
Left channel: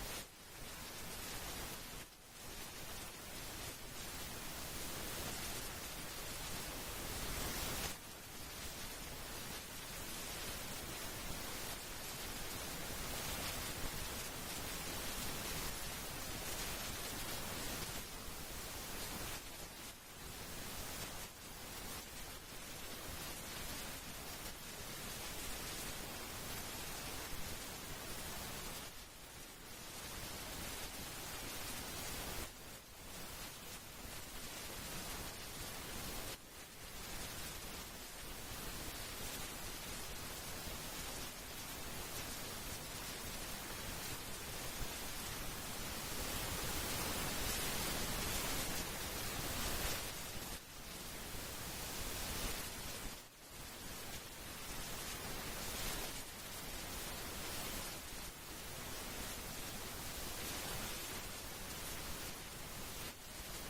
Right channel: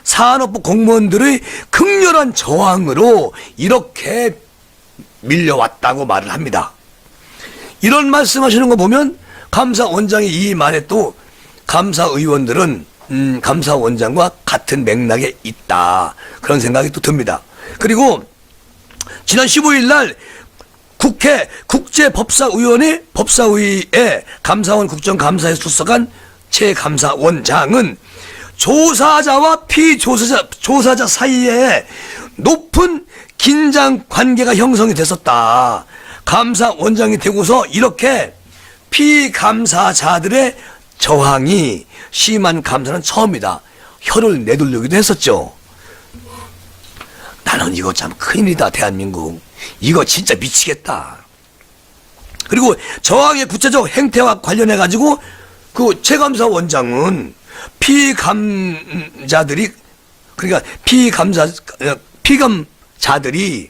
산업부 공무원들의 극렬한 저항으로 이렇게 밀려왔다고 말을 합니다. 이런 말씀하시는 거 보면 감사원장이 이 말에 또 감사의원들은 감사원장과 같은 맥락에 있다. 그런 생각이 또 듭니다. 그리고 지난 15일 날 국회 국제법사위원회 법사위에 감사원 국정감사에 출석한 최 감사원장은 조사자와 조사자 사이에 높은 긴장 관계가 형성이 됐었다. 감사원장이 되고서 이렇게 피감사자들의 저항이 심한 감사는 처음이다. 혀를 내두르기도 했었죠. 나는 이거 참 큰일이다. 대한민국 이거 진짜 미치겠다. 그리고 저항의 구체적 행태와 관련해 가지고 그 최감사원장은 피감자들이 그러니까 피감자들이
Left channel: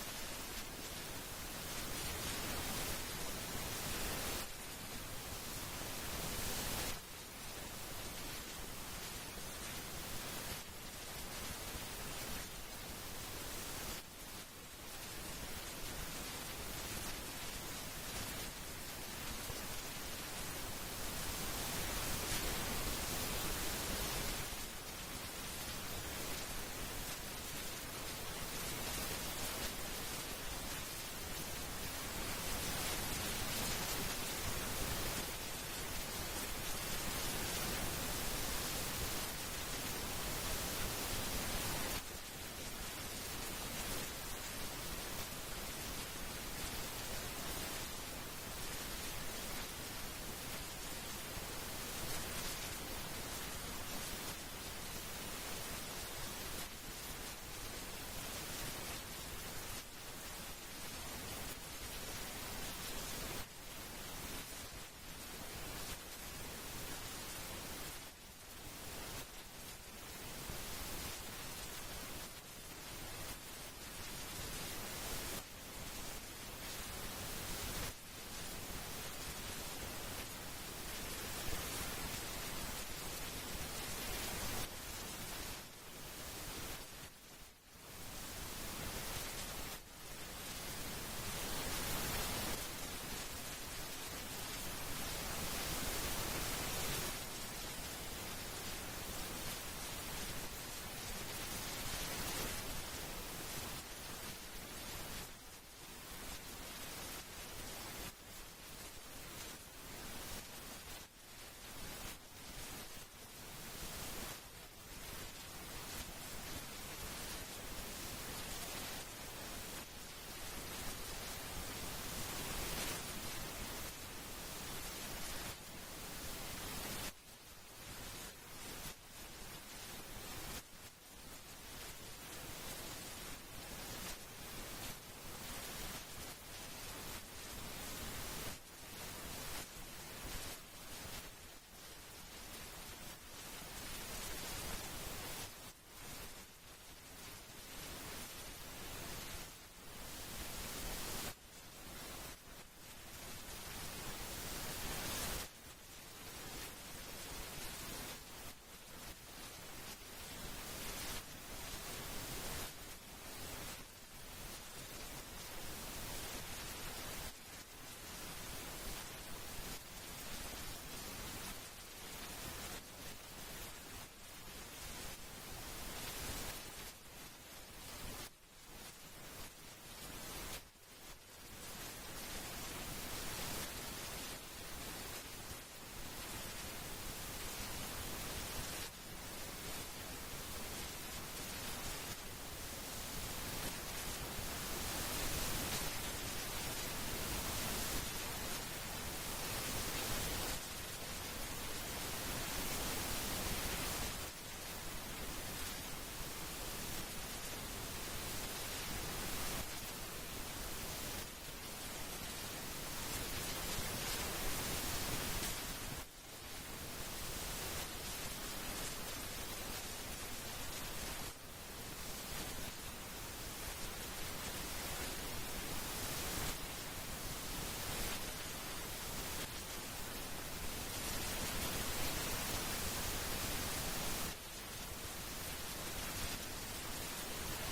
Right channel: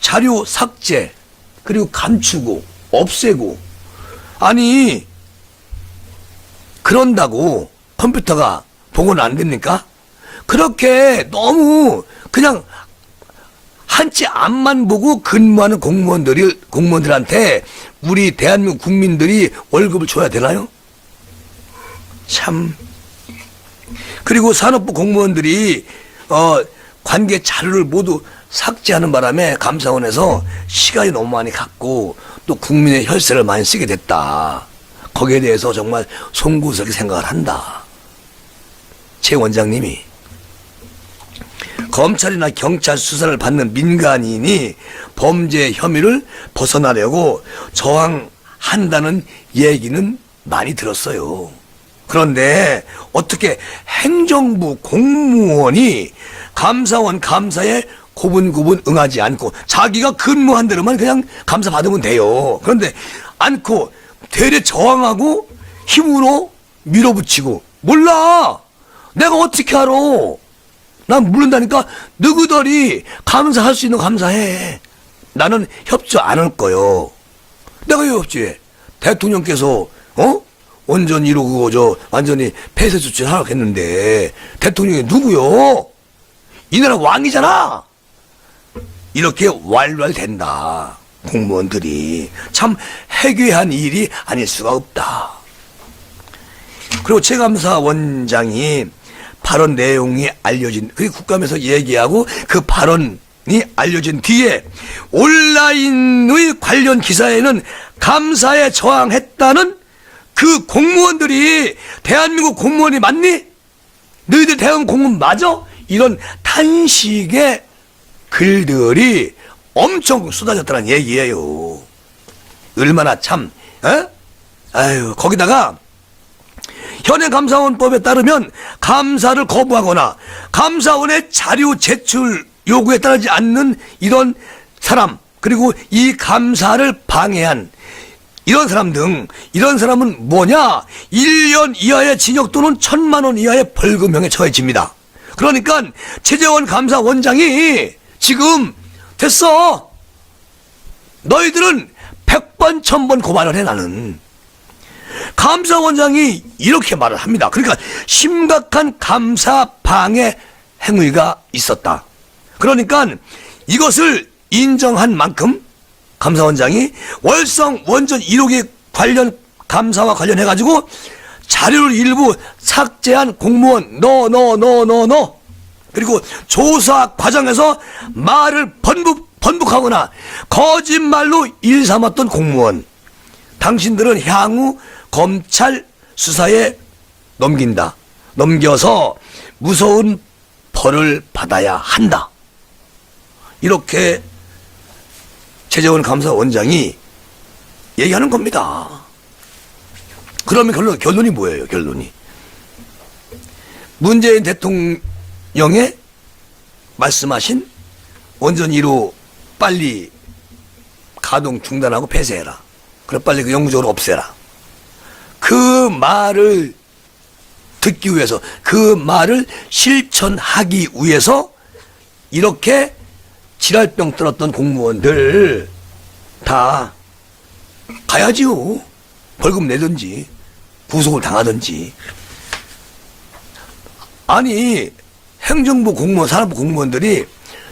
자료 삭제 그리고 감추고 없애고 아니 그런다고 컴퓨터가 복원 안 됩니까? 그렇게 너무 그냥 한치 앞만 보고 근무하는 공무원들한테 우리 대한민국 국민들이 월급을 줘야 되나요? 참. 그리고 산업부 공무원들이 관계 자료를 모두 삭제하는 바람에 감사원에서 시간이 너무 많이 갔고 또 국민의 혈세를 많이 쓰게 됐다. 거기에 대해서 정말 송구스럽게 생각을 한다. 최 원장님이 검찰이나 경찰 수사를 받는 민간인이 범죄 혐의를 벗어나려고 저항한다는 얘기는 많이 들었어요. 그런데 어떻게 행정부 공무원이 감사원 감사에 고분고분 응하지 않고 자기가 근무한 대로만 그냥 감사 받으면 돼요. 그런데 않고 되레 저항하고 힘으로 밀어붙이고 몰라. 내가 어떻게 알아. 난 모른다니까. 너희들이 감사할 수 있는 감사해. 나는 협조 안 할 거요. 내가 왜 협조해? 대통령께서 원전 1호 그거 완전히 폐쇄 조치를 하라고 했는데 대통령이 누구요? 이 나라 왕이잖아. 이렇게 왈왈된다. 공무원들이 참 해괴한 일이 아닐 수가 없다. 그리고 최감사 원장이 발언 내용이 알려진, 그 국감에서 얘기하고 그 발언이 알려진 뒤에 온라인의 관련 기사에는 감사에 저항했다는 그 공무원들이 대한민국 공무원이 맞니? 너희들 대한민국 공무원 맞아? 이런 탄식의 글들이 엄청 쏟아졌다는 얘기예요. 얼마나 참, 아유, 거기다가 현행감사원법에 따르면 감사를 거부하거나 감사원의 자료 제출 요구에 따르지 않는 이런 사람, 그리고 이 감사를 방해한 이런 사람 등, 이런 사람은 뭐냐? 1년 이하의 징역 또는 1,000만 원 이하의 벌금형에 처해집니다. 그러니까 최재원 감사원장이 지금 됐어. 너희들은 100번 1000번 고발을 해. 나는 감사원장이 이렇게 말을 합니다. 그러니까 심각한 감사 방해 행위가 있었다. 그러니까 이것을 인정한 만큼 감사원장이 월성 원전 1호기 관련 감사와 관련해가지고 자료를 일부 삭제한 공무원 너 그리고 조사 과정에서 말을 번복하거나 거짓말로 일 삼았던 공무원, 당신들은 향후 검찰 수사에 넘겨서 무서운 벌을 받아야 한다. 이렇게 최재원 감사원장이 얘기하는 겁니다. 그러면 결론이 뭐예요? 결론이 문재인 대통령의 말씀하신 원전 1호 빨리 가동 중단하고 폐쇄해라. 그래 빨리 그 영구적으로 없애라. 그 말을 듣기 위해서, 그 말을 실천하기 위해서 이렇게 지랄병 떨었던 공무원들 다 가야지요. 벌금 내든지 구속을 당하든지. 아니 행정부 공무원, 산업부 공무원들이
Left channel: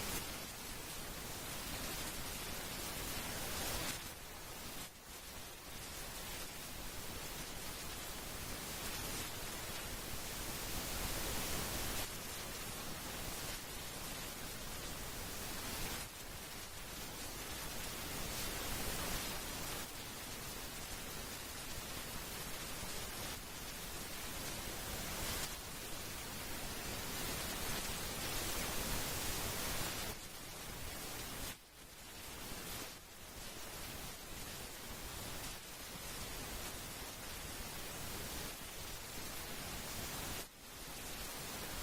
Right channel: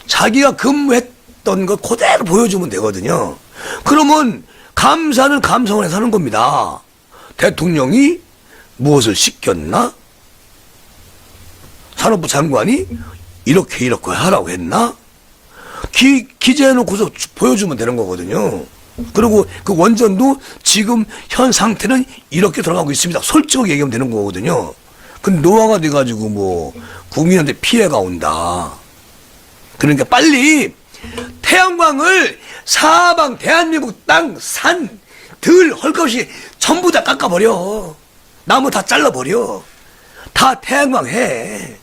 자기가 근무했던 거 그대로 보여주면 되거든요. 그러면 감사는 감사원에서 하는 겁니다. 대통령이 무엇을 시켰나? 산업부 장관이 이렇게 하라고 했나? 기재해놓고서 보여주면 되는 거거든요. 그리고 그 원전도 지금 현 상태는 이렇게 돌아가고 있습니다. 솔직하게 얘기하면 되는 거거든요. 근데 노화가 돼가지고 뭐 국민한테 피해가 온다. 그러니까 빨리 태양광을 사방 대한민국 땅, 산, 들, 헐것이 전부 다 깎아버려. 나무 다 잘라버려. 다 태양광 해.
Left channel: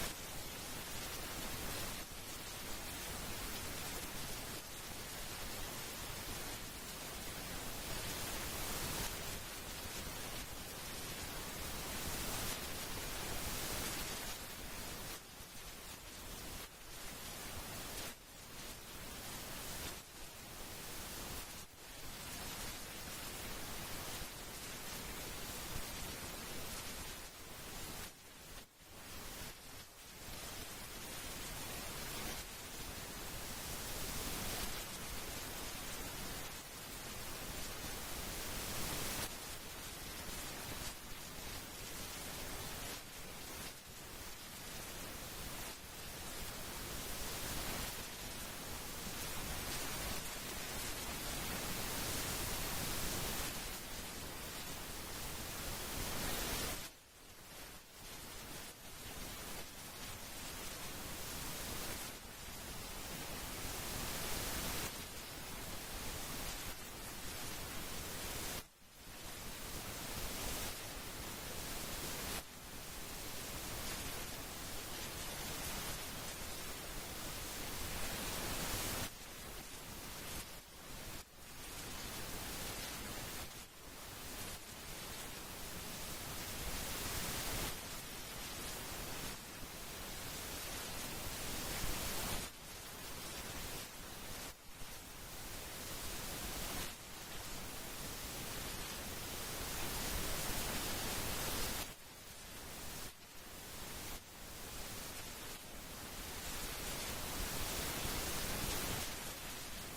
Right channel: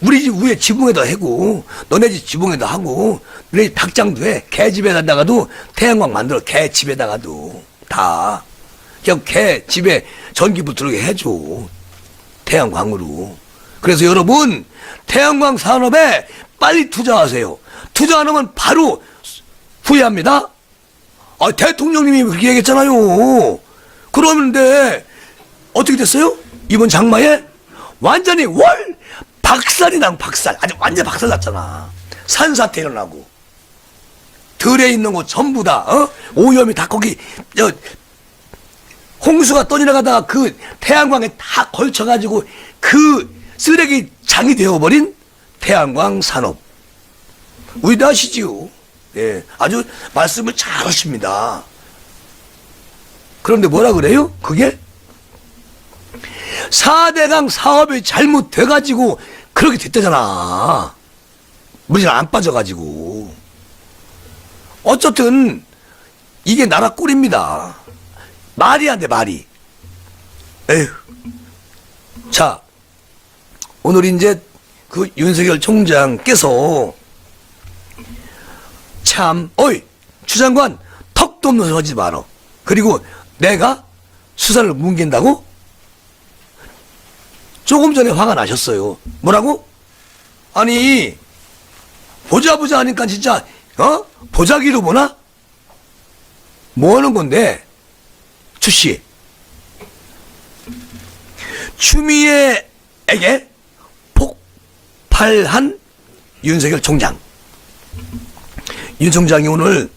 우리 집 위에 지붕에다 해고, 너네 집 지붕에다 하고, 너네 집 닭장도 해. 개집에다가도 태양광 만들어. 개집에다가도 다. 그냥 개 집에 전기 붙들게 해줘. 태양광으로. 그래서 여러분, 태양광 산업에 빨리 투자하세요. 투자 안 하면 바로 후회합니다. 대통령님이 그렇게 얘기했잖아요. 그러는데 어떻게 됐어요? 이번 장마에 완전히 박살이 나고 박살. 아주 완전 박살 났잖아. 산사태 일어나고. 들에 있는 거 전부 다, 오염이 다 거기, 홍수가 떠내려가다가 그 태양광에 다 걸쳐가지고 그 쓰레기 장이 되어버린 태양광 산업. 우리도 아시지요. 예, 아주 말씀을 잘 하십니다. 그런데 뭐라 그래요? 그게 4대강 사업이 잘못돼가지고 그렇게 됐다잖아. 물질 안 빠져가지고. 어쨌든 이게 나라 꼴입니다. 말이 안 돼, 말이. 에휴. 자, 오늘 이제 그 윤석열 총장께서 참, 어이, 추 장관, 턱도 없는 소리 하지 마라. 그리고 내가 수사를 뭉갠다고? 조금 전에 화가 나셨어요. 뭐라고? 아니, 보자 하니까 진짜, 보자기로 보나? 뭐 하는 건데? 추씨. 추미애에게 폭발한 윤석열 총장. 윤 총장이 오늘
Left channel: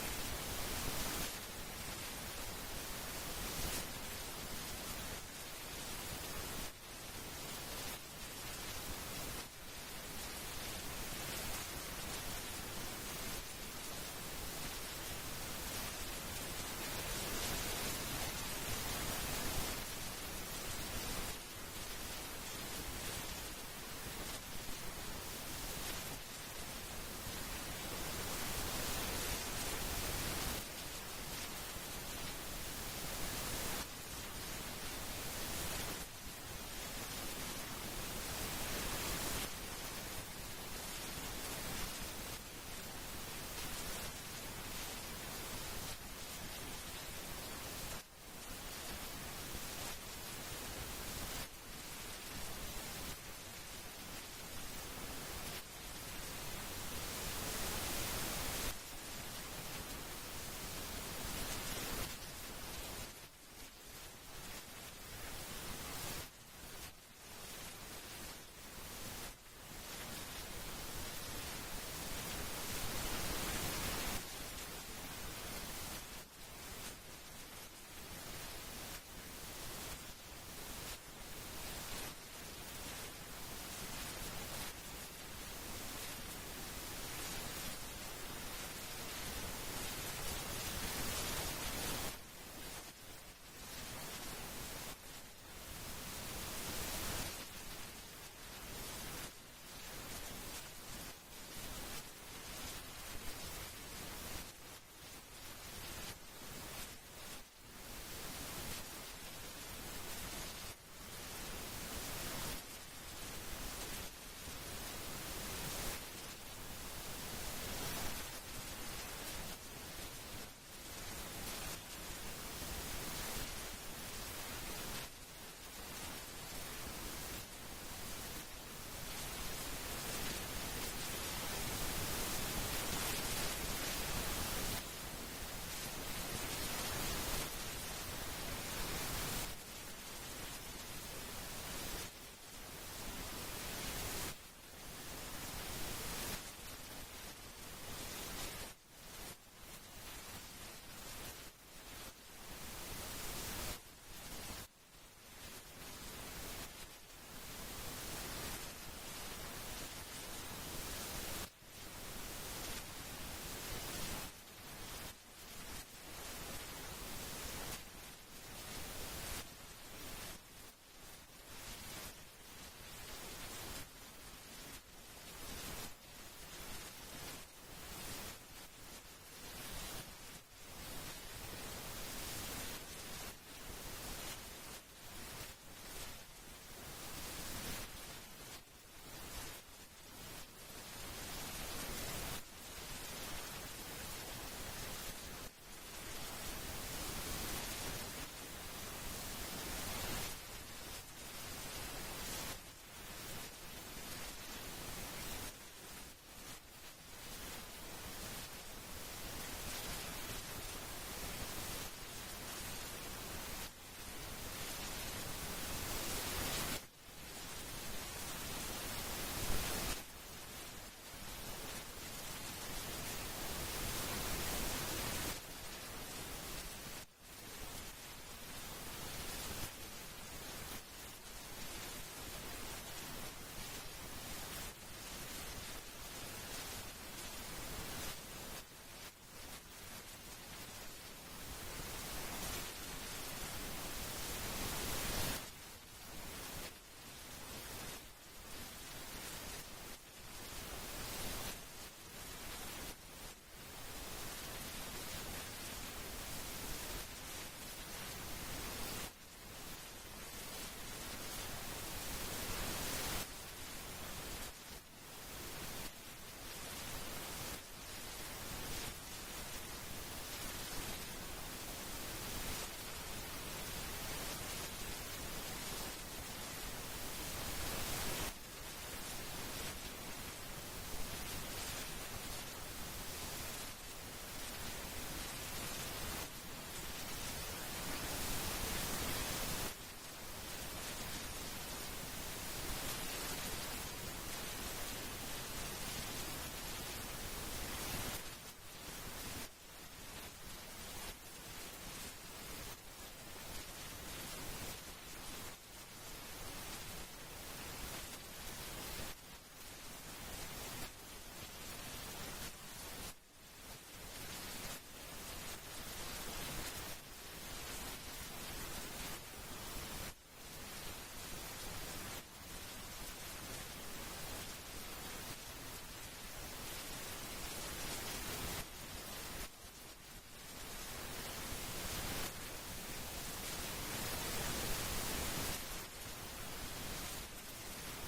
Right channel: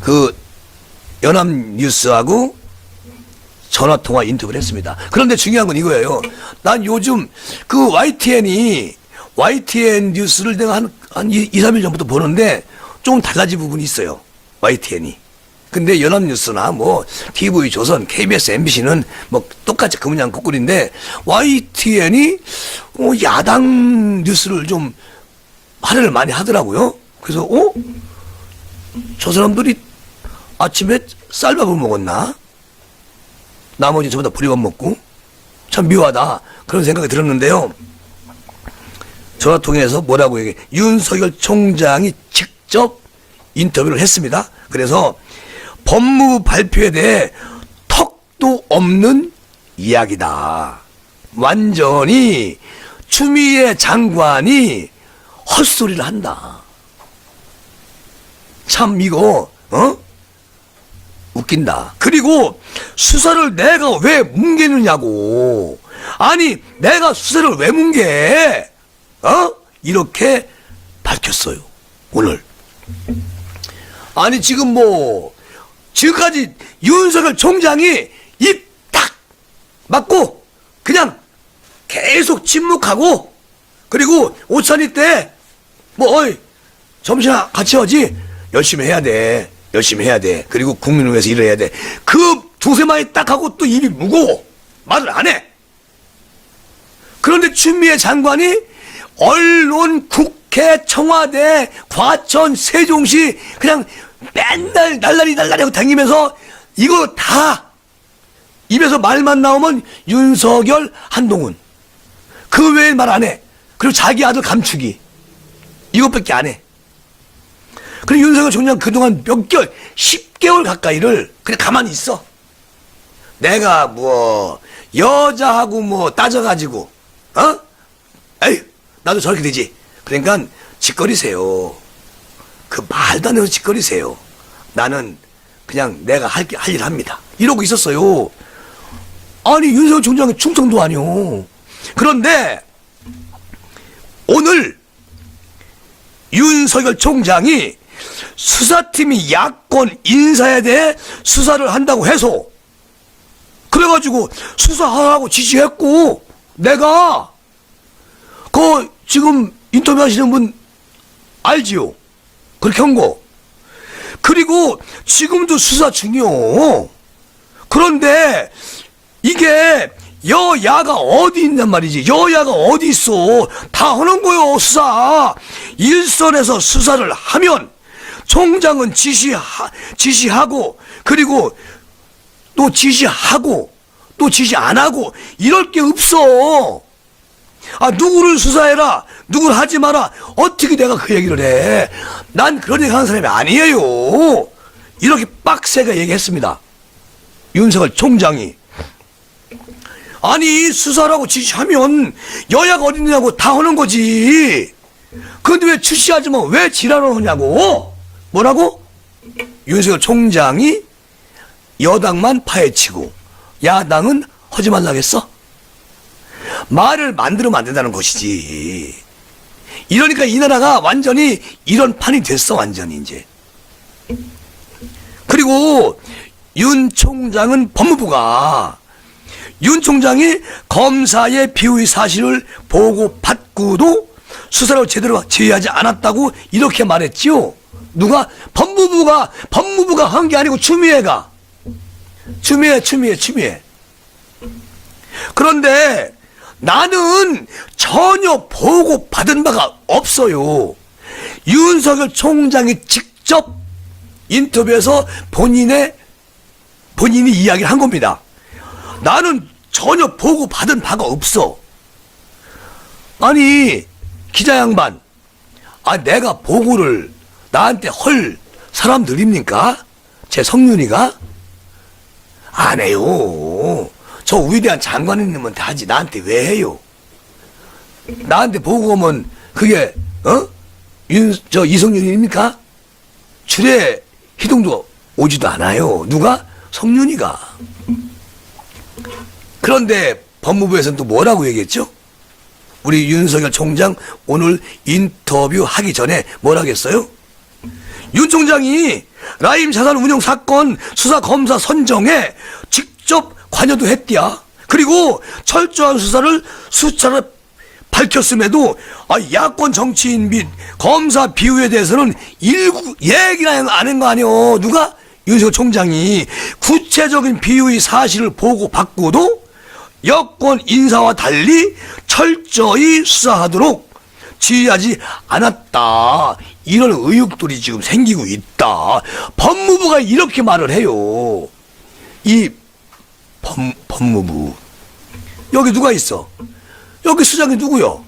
그 연합뉴스하고 전화통화 인터뷰를 했습니다. 그런데 중요한 건 이거예요. 난 요즘 그 YTN 뉴스를 내가 한 2, 3일 전부터 보는데 좀 달라진 부분이 있어요. YTN이. 근데 연합뉴스나 뭐 TV조선, KBS, MBC는 뭐 똑같이 그 문양 거꾸리인데 YTN이 야당 뉴스를 좀 할애를 많이 하더라고요. 그래서 저 사람들이 아침에 쌀밥을 먹었나? 나머지 전부 다 보리밥 먹고 참 묘하다 그런 생각이 들었는데요. 전화 통해서 뭐라고 얘기해? 윤석열 총장이 직접 인터뷰를 했습니다. 그래서 법무부 발표에 대해 턱도 없는 이야기다. 완전히 추미애 장관이 헛소리를 한다. 참 이거 웃긴다. 그리고 수사를 내가 왜 뭉개느냐고. 아니 내가 수사를 왜 뭉개? 이렇게 밝혔어요. 오늘. 아니 지금 뭐 지금까지 윤석열 총장이 입 딱 맞고 그냥 계속 침묵하고 그리고 오찬이 때 뭐 점심 같이 하지 열심히 해야 돼. 열심히 해야 돼. 그리고 국민을 위해서 일을 해야 돼. 그 두세 마디 딱 하고 또 입이 무거워. 말을 안 해. 그런데 추미애 장관이 언론, 국회, 청와대, 과천, 세종시 그냥 맨날 날라리 하고 다니면서 이거 다 입에서 말만 나오면 윤석열, 한동훈. 그 외엔 말 안 해. 그리고 자기 아들 감추기. 이것밖에 안 해. 그리고 윤석열 총장 그동안 몇 개월, 10개월 가까이를 그냥 가만히 있어. 내가 뭐 여자하고 뭐 따져가지고 에이 나도 저렇게 되지. 그러니까 짓거리세요. 그 말도 안 되는 짓거리세요. 나는 그냥 내가 할 일 합니다. 이러고 있었어요. 아니 윤석열 총장이 충청도 아니오. 그런데 오늘 윤석열 총장이 수사팀이 야권 인사에 대해 수사를 한다고 해서 그래가지고 수사하라고 지시했고 내가 그 지금 인터뷰 하시는 분 알지요? 그렇게 한 거. 그리고 지금도 수사 중이요. 그런데 이게 여야가 어디 있냔 말이지. 여야가 어디 있어. 다 하는 거요 수사. 일선에서 수사를 하면 총장은 지시하고 그리고 또 지시하고 또 지시 안 하고 이럴 게 없어. 아 누구를 수사해라 누구를 하지 마라. 어떻게 내가 그 얘기를 해. 난 그런 얘기 하는 사람이 아니에요. 이렇게 빡세게 얘기했습니다. 윤석열 총장이. 아니 수사라고 지시하면 여야가 어디 있냐고 다 하는 거지. 그런데 왜 출시하지만 왜 지랄을 하냐고. 뭐라고? 윤석열 총장이 여당만 파헤치고 야당은 하지 말라겠어? 말을 만들면 안 된다는 것이지. 이러니까 이 나라가 완전히 이런 판이 됐어. 완전히 이제. 그리고 윤 총장은 법무부가 윤 총장이 검사의 비위 사실을 보고받고도 수사를 제대로 제의하지 않았다고 이렇게 말했지요. 누가? 법무부가 한 게 아니고 추미애가. 추미애. 그런데 나는 전혀 보고받은 바가 없어요. 윤석열 총장이 직접 인터뷰에서 본인이 이야기를 한 겁니다. 나는 전혀 보고받은 바가 없어. 아니, 기자 양반, 내가 보고를 나한테 헐 사람들입니까? 제 성윤이가? 안 해요. 저 위대한 장관님한테 하지 나한테 왜 해요? 나한테 보고 오면 그게 이성윤입니까? 출애 희동도 오지도 않아요. 누가? 성윤이가. 그런데 법무부에서는 또 뭐라고 얘기했죠? 우리 윤석열 총장 오늘 인터뷰 하기 전에 뭐라고 했어요? 윤 총장이 라임 자산 운용 사건 수사 검사 선정에 직접 관여도 했디야. 그리고 철저한 수차례 밝혔음에도 야권 정치인 및 검사 비호에 대해서는 일부 얘기나 안 한 거 아니오. 누가? 윤석열 총장이 구체적인 비호의 사실을 보고받고도 여권 인사와 달리 철저히 수사하도록 지휘하지 않았다. 이런 의혹들이 지금 생기고 있다. 법무부가 이렇게 말을 해요. 이 법무부 여기 누가 있어? 여기 수장이 누구요?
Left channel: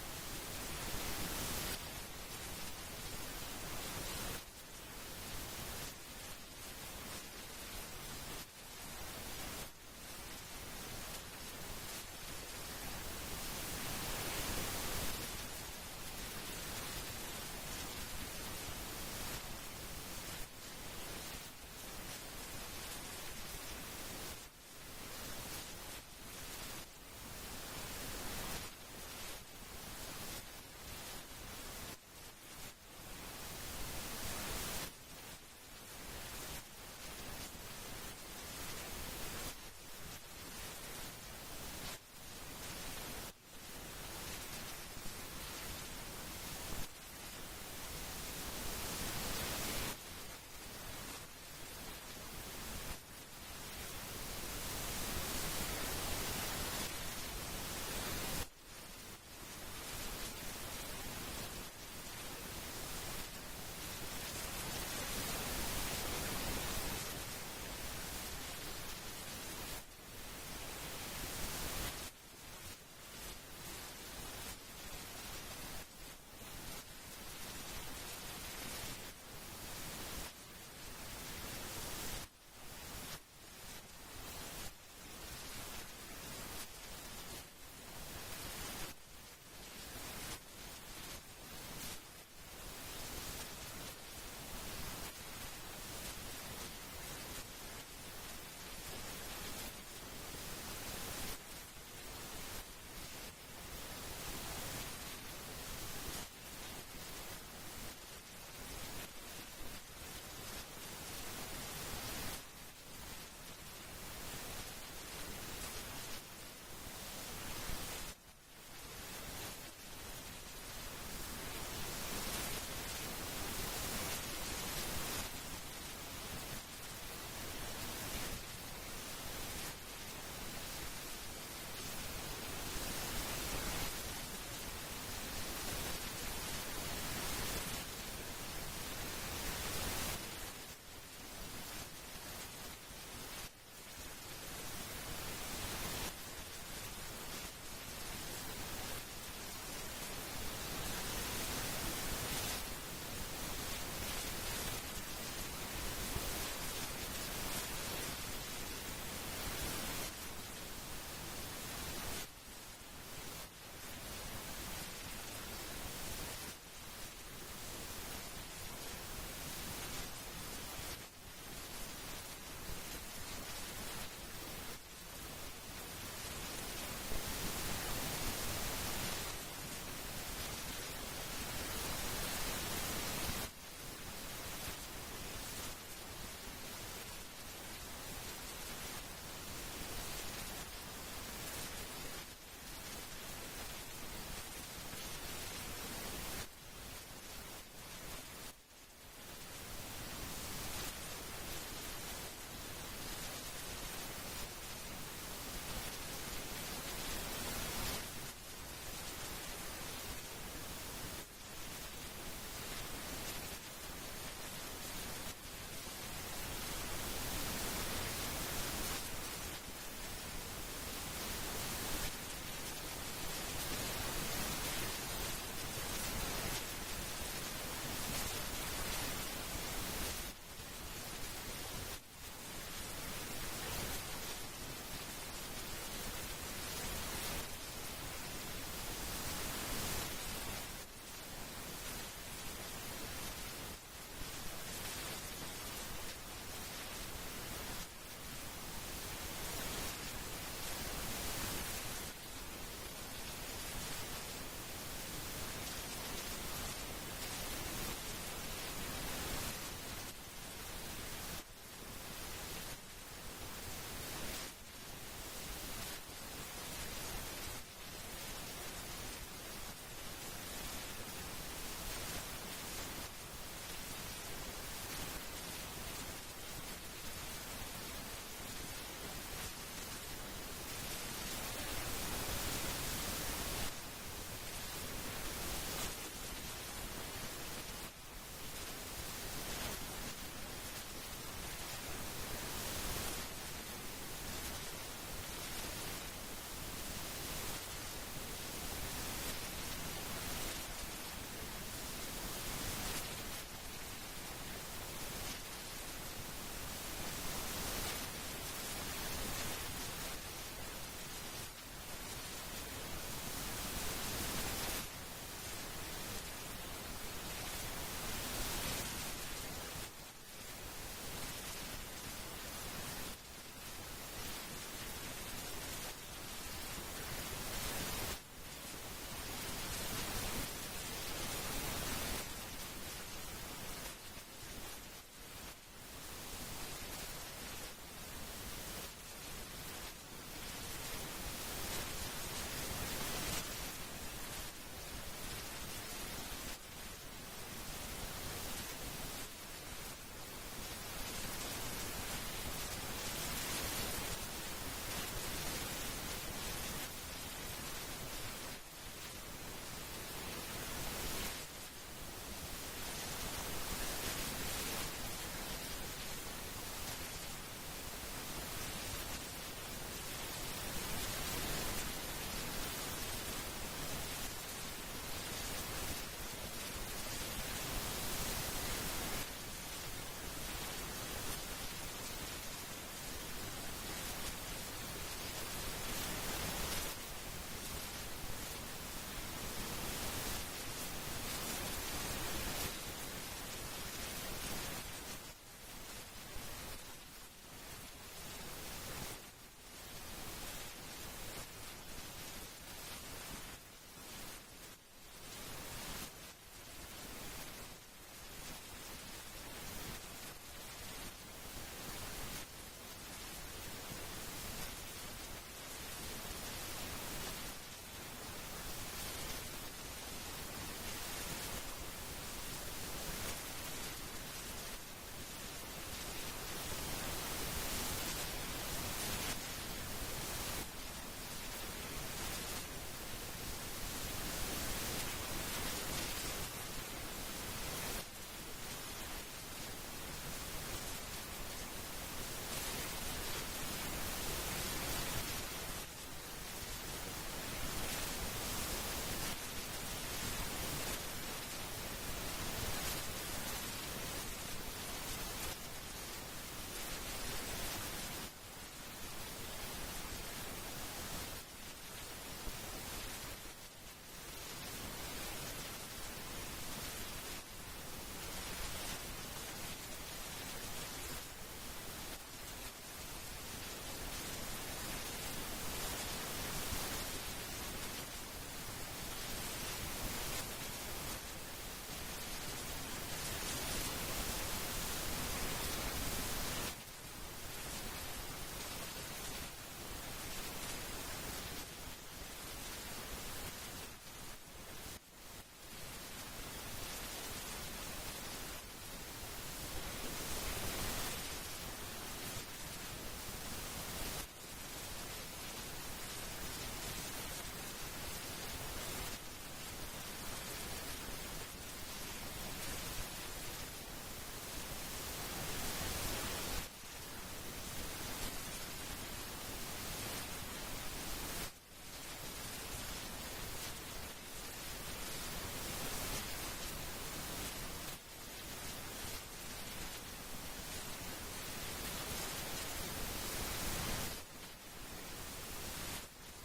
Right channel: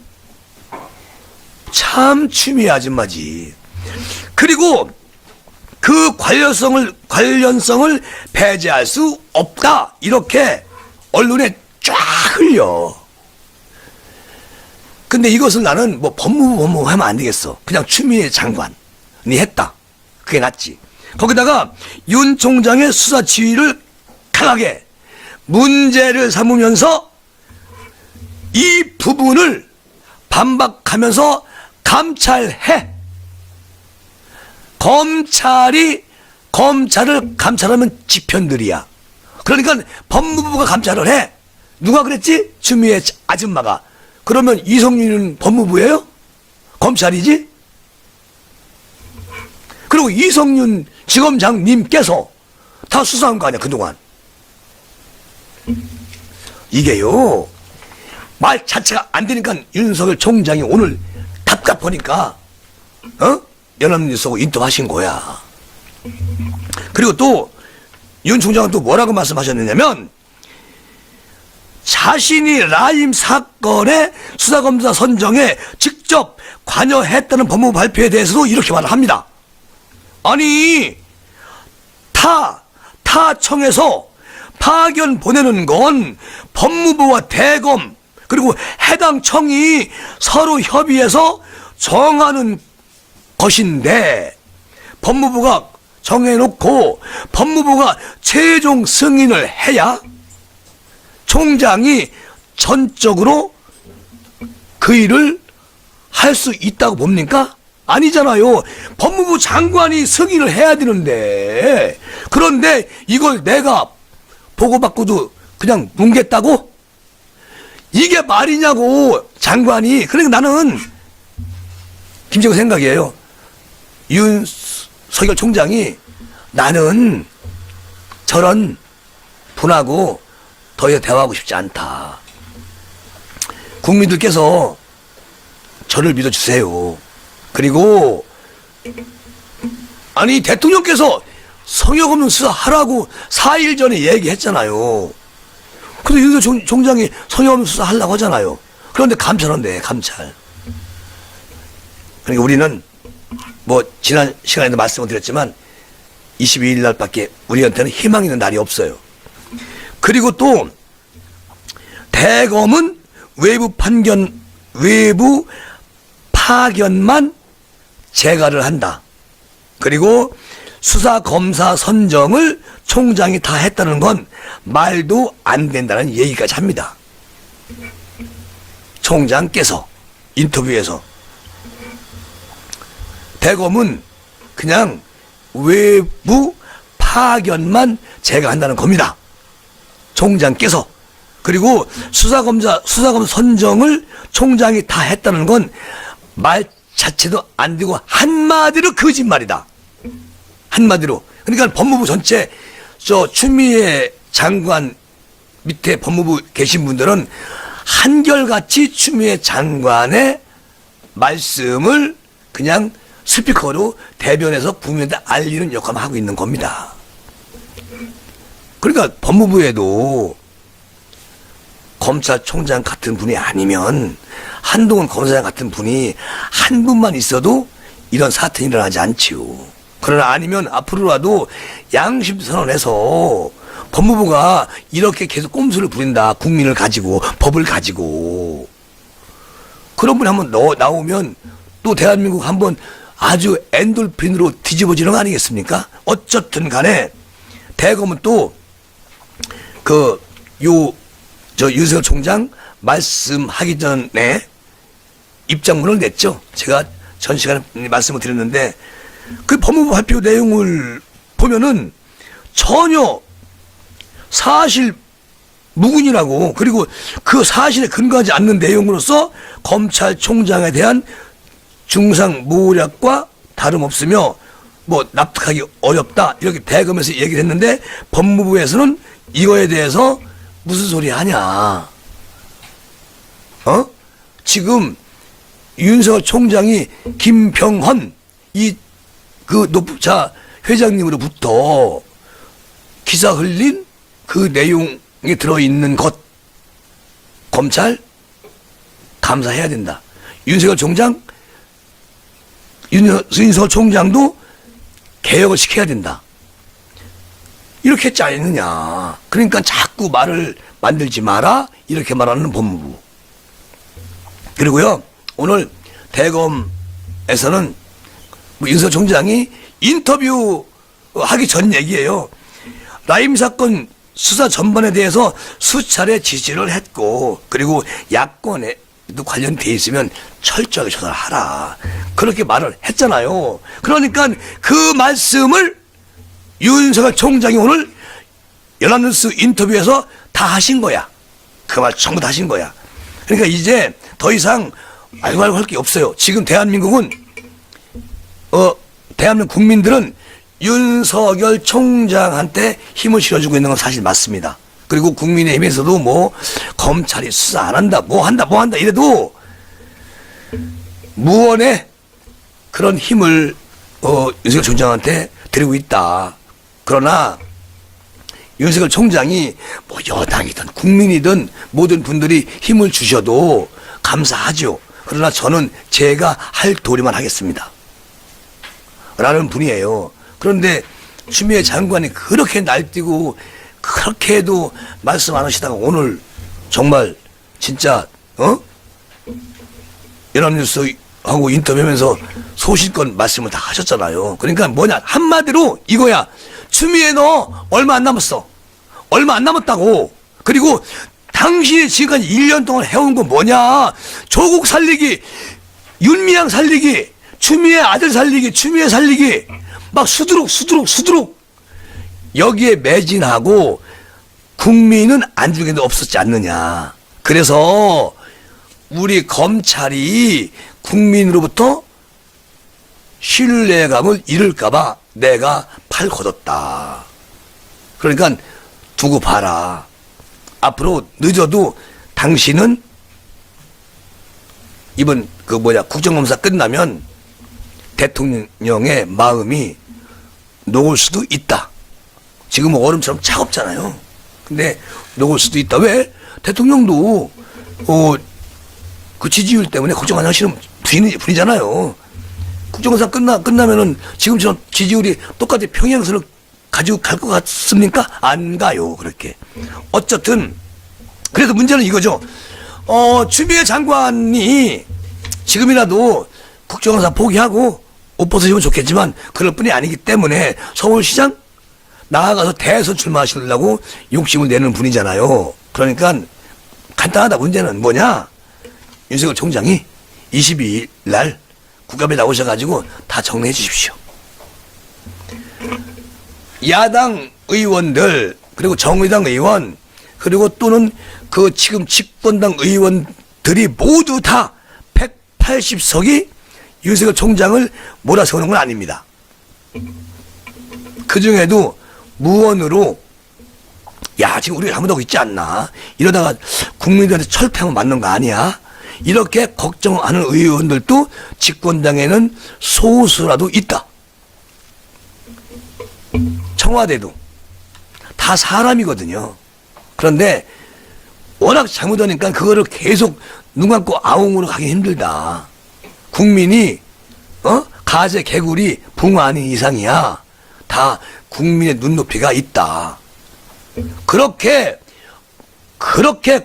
참 추미애 아줌마지. 그리고 그 관련성을 배제할 수 없다. 이렇게 언론에 쫙 흘려. 근데 이것을 나는 뭐 법무부 하면 안 되겠어. 그냥 추미애 장관이 했다. 그게 낫지. 거기다가 윤 총장의 수사 지휘를 강하게 문제를 삼으면서 이 부분을 반박하면서 감찰해. 검찰이 검찰을 감찰하면 지편들이야. 그러니까 법무부가 감찰을 해. 누가 그랬지? 추미애 아줌마가. 그러면 이성윤은 법무부예요? 검찰이지? 그리고 이성윤 지검장님께서 다 수사한 거 아니야 그동안. 이게요 말 자체가 안 되니까 윤석열 총장이 오늘 답답하니까 연합뉴스하고 인터뷰하신 거야. 그리고 또 윤 총장은 또 뭐라고 말씀하셨느냐면 자신이 라임 사건의 수사검사 선정에 직접 관여했다는 법무부 발표에 대해서도 이렇게 말을 합니다. 아니 타청에서 파견 보내는 건 법무부와 대검 그리고 해당 청이 서로 협의해서 정하는 것인데 법무부가 정해놓고 법무부가 최종 승인을 해야 총장이 전적으로 그 일을 할 수 있다고 봅니까? 아니잖아요. 법무부 장관이 승인을 해야 되는데 그런데 이걸 내가 보고받고도 그냥 뭉갰다고? 이게 말이냐고 장관이. 그러니까 나는 김재구 생각이에요. 윤석열 총장이 나는 저런 분하고 더 이상 대화하고 싶지 않다. 국민들께서 저를 믿어주세요. 그리고 아니 대통령께서 성역 없는 수사하라고 4일 전에 얘기했잖아요. 근데 윤석열 총장이 성역 없는 수사 하려고 하잖아요. 그런데 감찰한대 감찰. 그러니까 우리는 뭐 지난 시간에도 말씀을 드렸지만 22일 날밖에 우리한테는 희망 있는 날이 없어요. 그리고 또 대검은 외부 파견만 재가를 한다. 그리고 수사검사 선정을 총장이 다 했다는 건 말도 안 된다는 얘기까지 합니다. 총장께서 인터뷰에서 대검은 그냥 외부 파견만 재가한다는 겁니다. 총장께서. 그리고 수사검사 선정을 총장이 다 했다는 건 말 자체도 안 되고 한마디로 거짓말이다. 한마디로. 그러니까 법무부 전체 추미애 장관 밑에 법무부 계신 분들은 한결같이 추미애 장관의 말씀을 그냥 스피커로 대변해서 국민한테 알리는 역할을 하고 있는 겁니다. 그러니까 법무부에도 검찰총장 같은 분이 아니면, 한동훈 검사장 같은 분이 한 분만 있어도 이런 사태는 일어나지 않지요. 그러나 아니면 앞으로라도 양심선언해서 법무부가 이렇게 계속 꼼수를 부린다, 국민을 가지고, 법을 가지고, 그런 분이 한번 나오면 또 대한민국 한번 아주 엔돌핀으로 뒤집어지는 거 아니겠습니까? 어쨌든 간에 대검은 또 윤석열 총장 말씀하기 전에 입장문을 냈죠. 제가 전 시간에 말씀을 드렸는데, 그 법무부 발표 내용을 보면은 전혀 사실 무근이라고, 그리고 그 사실에 근거하지 않는 내용으로서 검찰총장에 대한 중상모략과 다름없으며 뭐 납득하기 어렵다, 이렇게 대검에서 얘기를 했는데, 법무부에서는 이거에 대해서 무슨 소리 하냐, 지금 윤석열 총장이 김병헌 높자 회장님으로부터 기사 흘린 그 내용에 들어있는 것, 검찰 감사해야 된다. 윤석열 총장도 개혁을 시켜야 된다. 이렇게 했지 않느냐. 그러니까 자꾸 말을 만들지 마라, 이렇게 말하는 법무부. 그리고요, 오늘 대검에서는 윤석열 총장이 인터뷰 하기 전 얘기예요. 라임 사건 수사 전반에 대해서 수차례 지시를 했고, 그리고 야권에도 관련돼 있으면 철저하게 조사를 하라, 그렇게 말을 했잖아요. 그러니까 그 말씀을 윤석열 총장이 오늘 연합뉴스 인터뷰에서 다 하신 거야. 그 말 전부 다 하신 거야. 그러니까 이제 더 이상 알고 할 게 없어요. 지금 대한민국은 대한민국 국민들은 윤석열 총장한테 힘을 실어주고 있는 건 사실 맞습니다. 그리고 국민의힘에서도 뭐 검찰이 수사 안 한다, 뭐 한다 이래도 무언의 그런 힘을 윤석열 총장한테 드리고 있다. 그러나 윤석열 총장이 뭐 여당이든 국민이든 모든 분들이 힘을 주셔도 감사하죠. 그러나 저는 제가 할 도리만 하겠습니다, 라는 분이에요. 그런데 추미애 장관이 그렇게 날뛰고 그렇게 해도 말씀 안 하시다가 오늘 정말 진짜 연합뉴스하고 인터뷰하면서 소신껏 말씀을 다 하셨잖아요. 그러니까 뭐냐, 한마디로 이거야. 추미애 너 얼마 안 남았어. 얼마 안 남았다고. 그리고 당신이 지금까지 1년 동안 해온 건 뭐냐. 조국 살리기, 윤미향 살리기, 추미애 아들 살리기, 추미애 살리기, 막 수두룩 여기에 매진하고 국민은 안중에도 없었지 않느냐. 그래서 우리 검찰이 국민으로부터 신뢰감을 잃을까봐 내가 팔 걷었다. 그러니까 두고 봐라. 앞으로 늦어도 당신은 이번 국정감사 끝나면 대통령의 마음이 녹을 수도 있다. 지금은 얼음처럼 차갑잖아요. 근데 녹을 수도 있다. 왜? 대통령도 그 지지율 때문에 걱정 안 하시는 분이잖아요. 국정감사 끝나면은 지금처럼 지지율이 똑같이 평행선을 가지고 갈 것 같습니까? 안 가요, 그렇게. 어쨌든 그래서 문제는 이거죠. 추미애 장관이 지금이라도 국정감사 포기하고 옷 벗으시면 좋겠지만 그럴 뿐이 아니기 때문에 서울시장 나아가서 대선 출마하시려고 욕심을 내는 분이잖아요. 그러니까 간단하다. 문제는 뭐냐, 윤석열 총장이 22일 날 국감에 나오셔가지고 다 정리해 주십시오. 야당 의원들, 그리고 정의당 의원, 그리고 또는 그 지금 집권당 의원들이 모두 다 180석이 윤석열 총장을 몰아세우는 건 아닙니다. 그 중에도 무언으로 야, 지금 우리가 잘못하고 있지 않나? 이러다가 국민들한테 철폐하면 맞는 거 아니야? 이렇게 걱정하는 의원들도 집권당에는 소수라도 있다. 청와대도 다 사람이거든요. 그런데 워낙 잘못하니까 그거를 계속 눈 감고 아웅으로 가기 힘들다. 국민이 가재 개구리 붕어 아닌 이상이야. 다 국민의 눈높이가 있다. 그렇게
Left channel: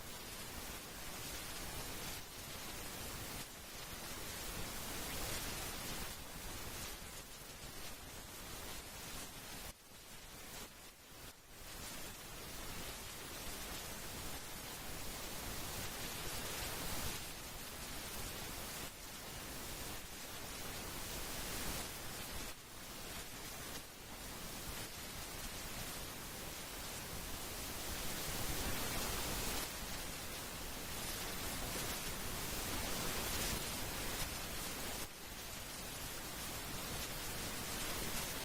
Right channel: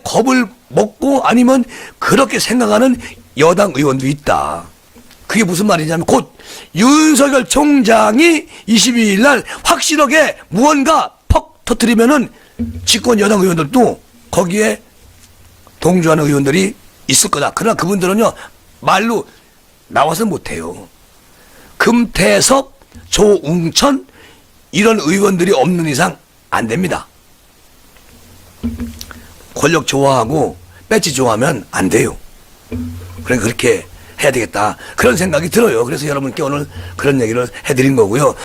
겁을 먹고 아니면 그렇게 생각하는 여당 의원도 있다. 그게 무슨 말이냐면 곧 윤석열 총장이 22일 날 확실하게 무언가 퍽 터뜨리면은 집권 여당 의원들도 거기에 동조하는 의원들이 있을 거다. 그러나 그분들은요, 말로 나와서 못해요. 금태섭, 조웅천 이런 의원들이 없는 이상 안 됩니다. 권력 좋아하고 배지 좋아하면 안 돼요. 그러니까 그렇게 해야 되겠다. 그런 생각이 들어요. 그래서 여러분께 오늘 그런 얘기를 해드린 거고요.